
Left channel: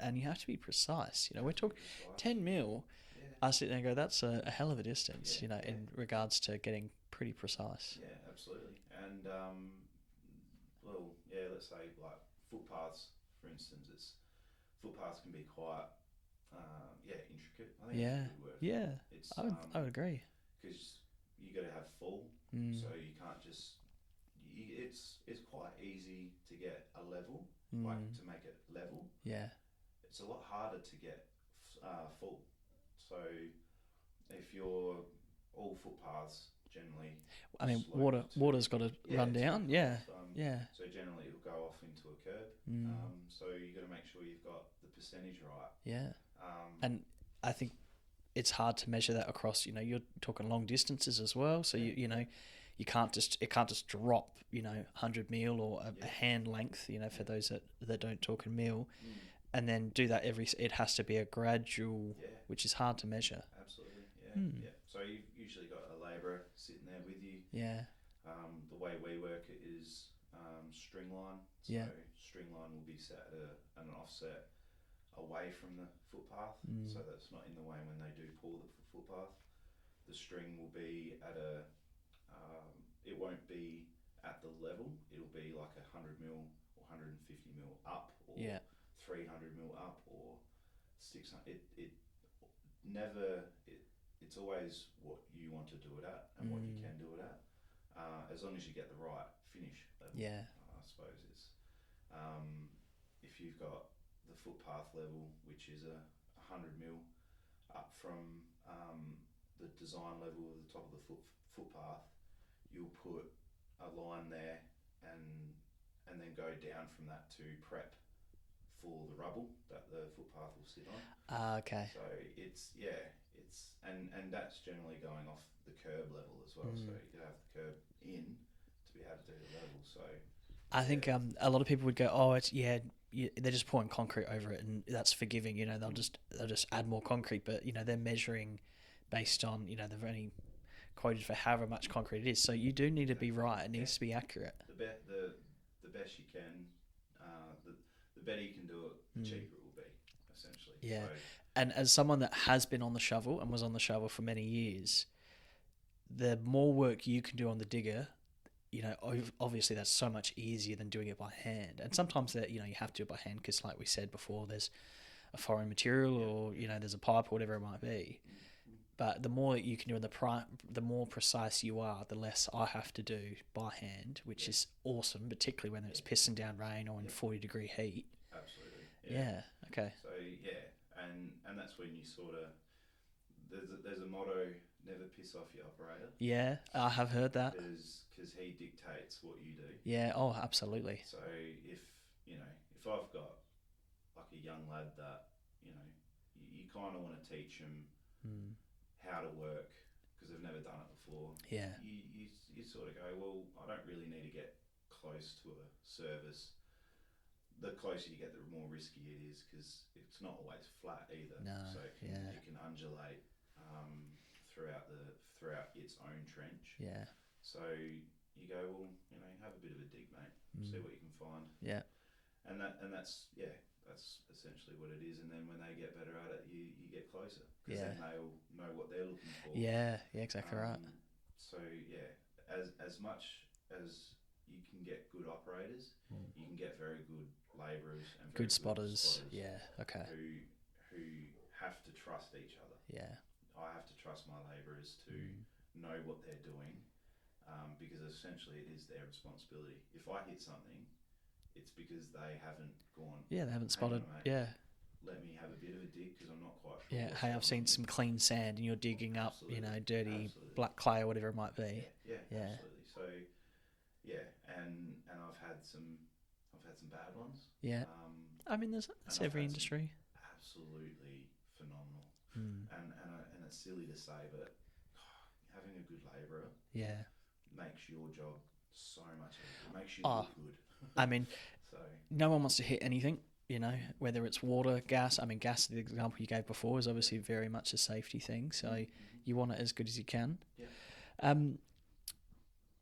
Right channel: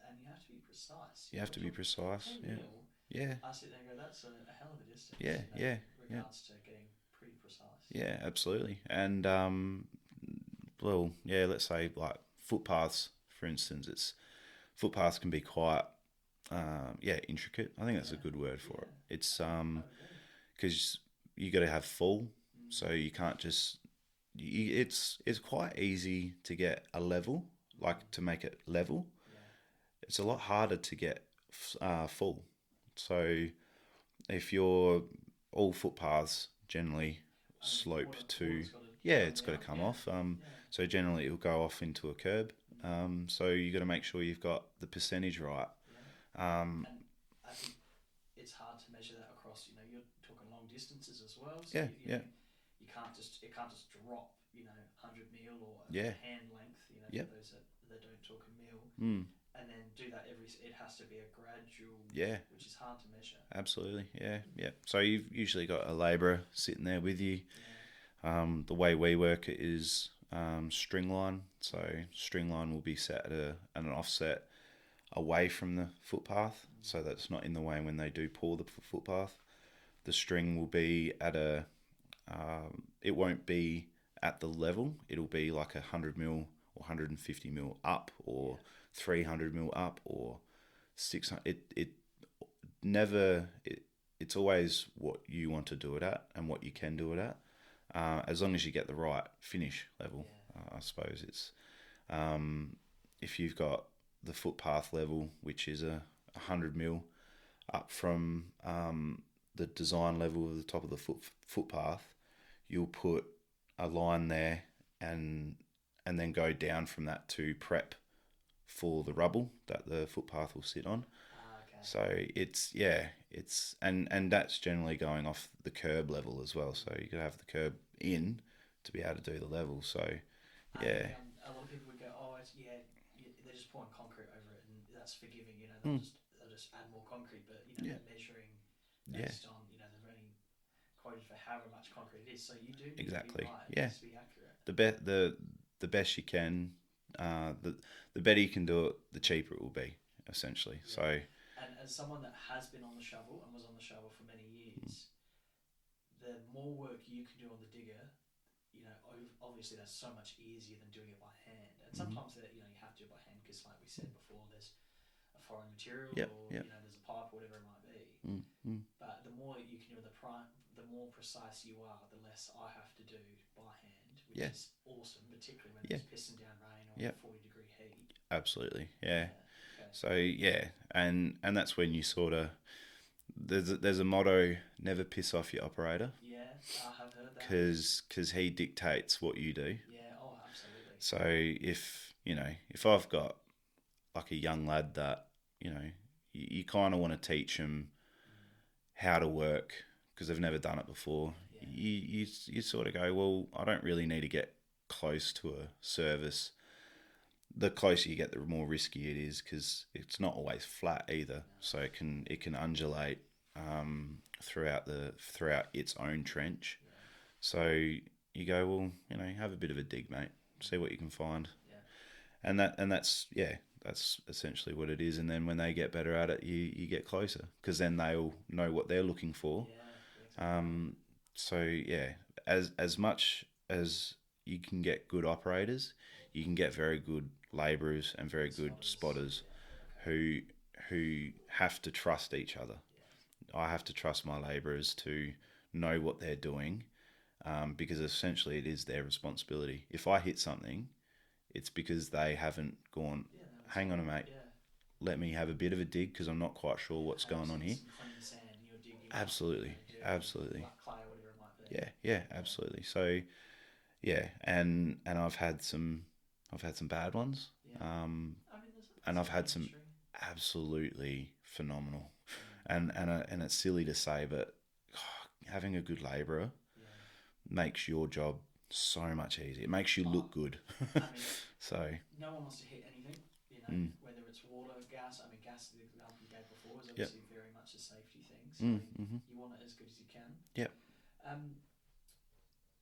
be precise. You have to be precise. 10 mil. Yeah. I sit there and go, that's a hell of a distance. In regards to getting pretty precise. Yeah, absolutely. And well, yeah, let's say like footpaths, for instance. Footpaths can be quite intricate. I think that's a good word for it. It's I would agree, because you got to have full, so you can't just. It's quite easy to get a level, like to make it level. Yeah, it's a lot harder to get full. So if you're all footpaths generally. I mean, slope water's got to run down. Come off. So generally it'll go off into a curb. So you got to make sure you've got the percentage right. Yeah. And I think it's hard to measure that across. You're talking long distances as well. So it can't just drop. 100 mil or a hand length. For those that don't talk in mil. And then do that it has to be a gradual, which is hard to measure. Absolutely, yeah. So you've usually got a labourer sitting there with you. Yeah. The way we work it is string line. So string line will be set at an offset away from the footpath, so that's not in the way when they do pour the footpath. The string will be at it won't be at the level. It'll be like 100 mil or 150 mil up or 300 mil up or 600. It's always what you want to do it at and what you can do it at, as long as you get the right finish level. I suppose it's if you've got the footpath level, which is 100 mil up from the design level of the top of the footpath, you'll put a line there and then go down from that to prep for the rubble that the footpath will sit on. Okay. So it's and that's generally going off the curb level as well. So you got to have the curb in to be able to do the level. So I think a lot of people would go, oh, it's they're just pouring concrete over it and that's forgiving. They'll just add more concrete, but they're measuring based on they've only quoted for however much concrete it is. So you do need to be right. It needs to be accurate. The best you can. The better you can do it, the cheaper it will be, essentially. Yeah. So, and as someone that has been on the shovel and was on the shovel for many years, the more work you can do on the digger, obviously that's so much easier than doing it by hand. And sometimes that you have to do it by hand because, like we said before, there's a foreign material or there's a pipe or whatever it might be. But the more you can do, the more precise you are, the less I have to do by hand, which is awesome, particularly when there's pissing down rain or in 40-degree heat. Absolutely, yeah. Okay. So and that's when you sort of there's a motto: never piss off your operator. Yeah, I have heard that because he dictates what you do. Yeah. Oh, absolutely. So if I've got like a young lad that you kind of want to teach them how to work because they've never done it before. Yeah. You sort of go, well, I don't really need to get close to a service. The closer you get, the more risky it is because it's not always flat either. No. So it can undulate throughout its own trench. Yeah. So you go, well, have a bit of a dig, mate. See what you can find. Yeah. And that's essentially what it is. And then when they get better at it, you get closer because then they'll know what they're looking for. Yeah, exactly. Right. So as much as you can get good operators, you can get very good labourers and very good spotters. Yeah. Okay. Who have to trust each other. Yeah. I have to trust my labourers to know what they're doing, because essentially it is their responsibility. If I hit something, it's because they haven't gone. Yeah, they haven't. Hang spotted. on, mate. Yeah. Let me have a bit of a dig because I'm not quite sure what's going on here. I've seen some clean sand and you're digging absolutely. up, dirty black clay or whatever it might be. Yeah, absolutely. So, and I've had some bad ones. Yeah. I mean, there's I've had industry. Some absolutely phenomenal, and it's silly to say, but having a good labourer makes your job so much easier. It makes you look good. I mean, so no one wants to hit anything, whether it's water, gas. I mean, gas, the example you gave before, is obviously very much a safety thing. So you want it as good as you can. Yep.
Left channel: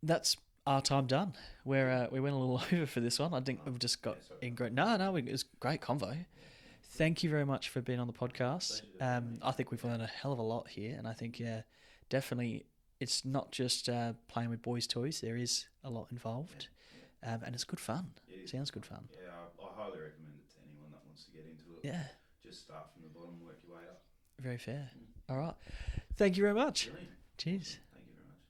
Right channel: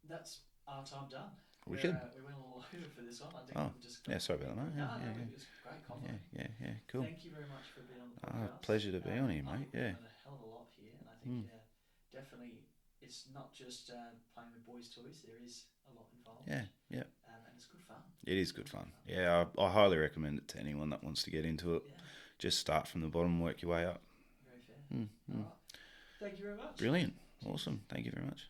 That's, our time done. We went a little over for this one. I think Oh, we've just got yeah, sorry in about great. that. No, Yeah. it was a great convo. Yeah, cool. Thank you very much for being on the podcast. Pleasure to be on here, I think mate. we've Yeah. learned a hell of a lot here, and I think definitely it's not just playing with boys' toys. There is a lot involved. Yeah. And it's good fun. It is Sounds good fun. Yeah, I highly recommend it to anyone that wants to get into it. Yeah, Just start from the bottom, work your way up. very fair. Mm, All right. Thank you very much. Brilliant. Cheers. Awesome. Thank you very much.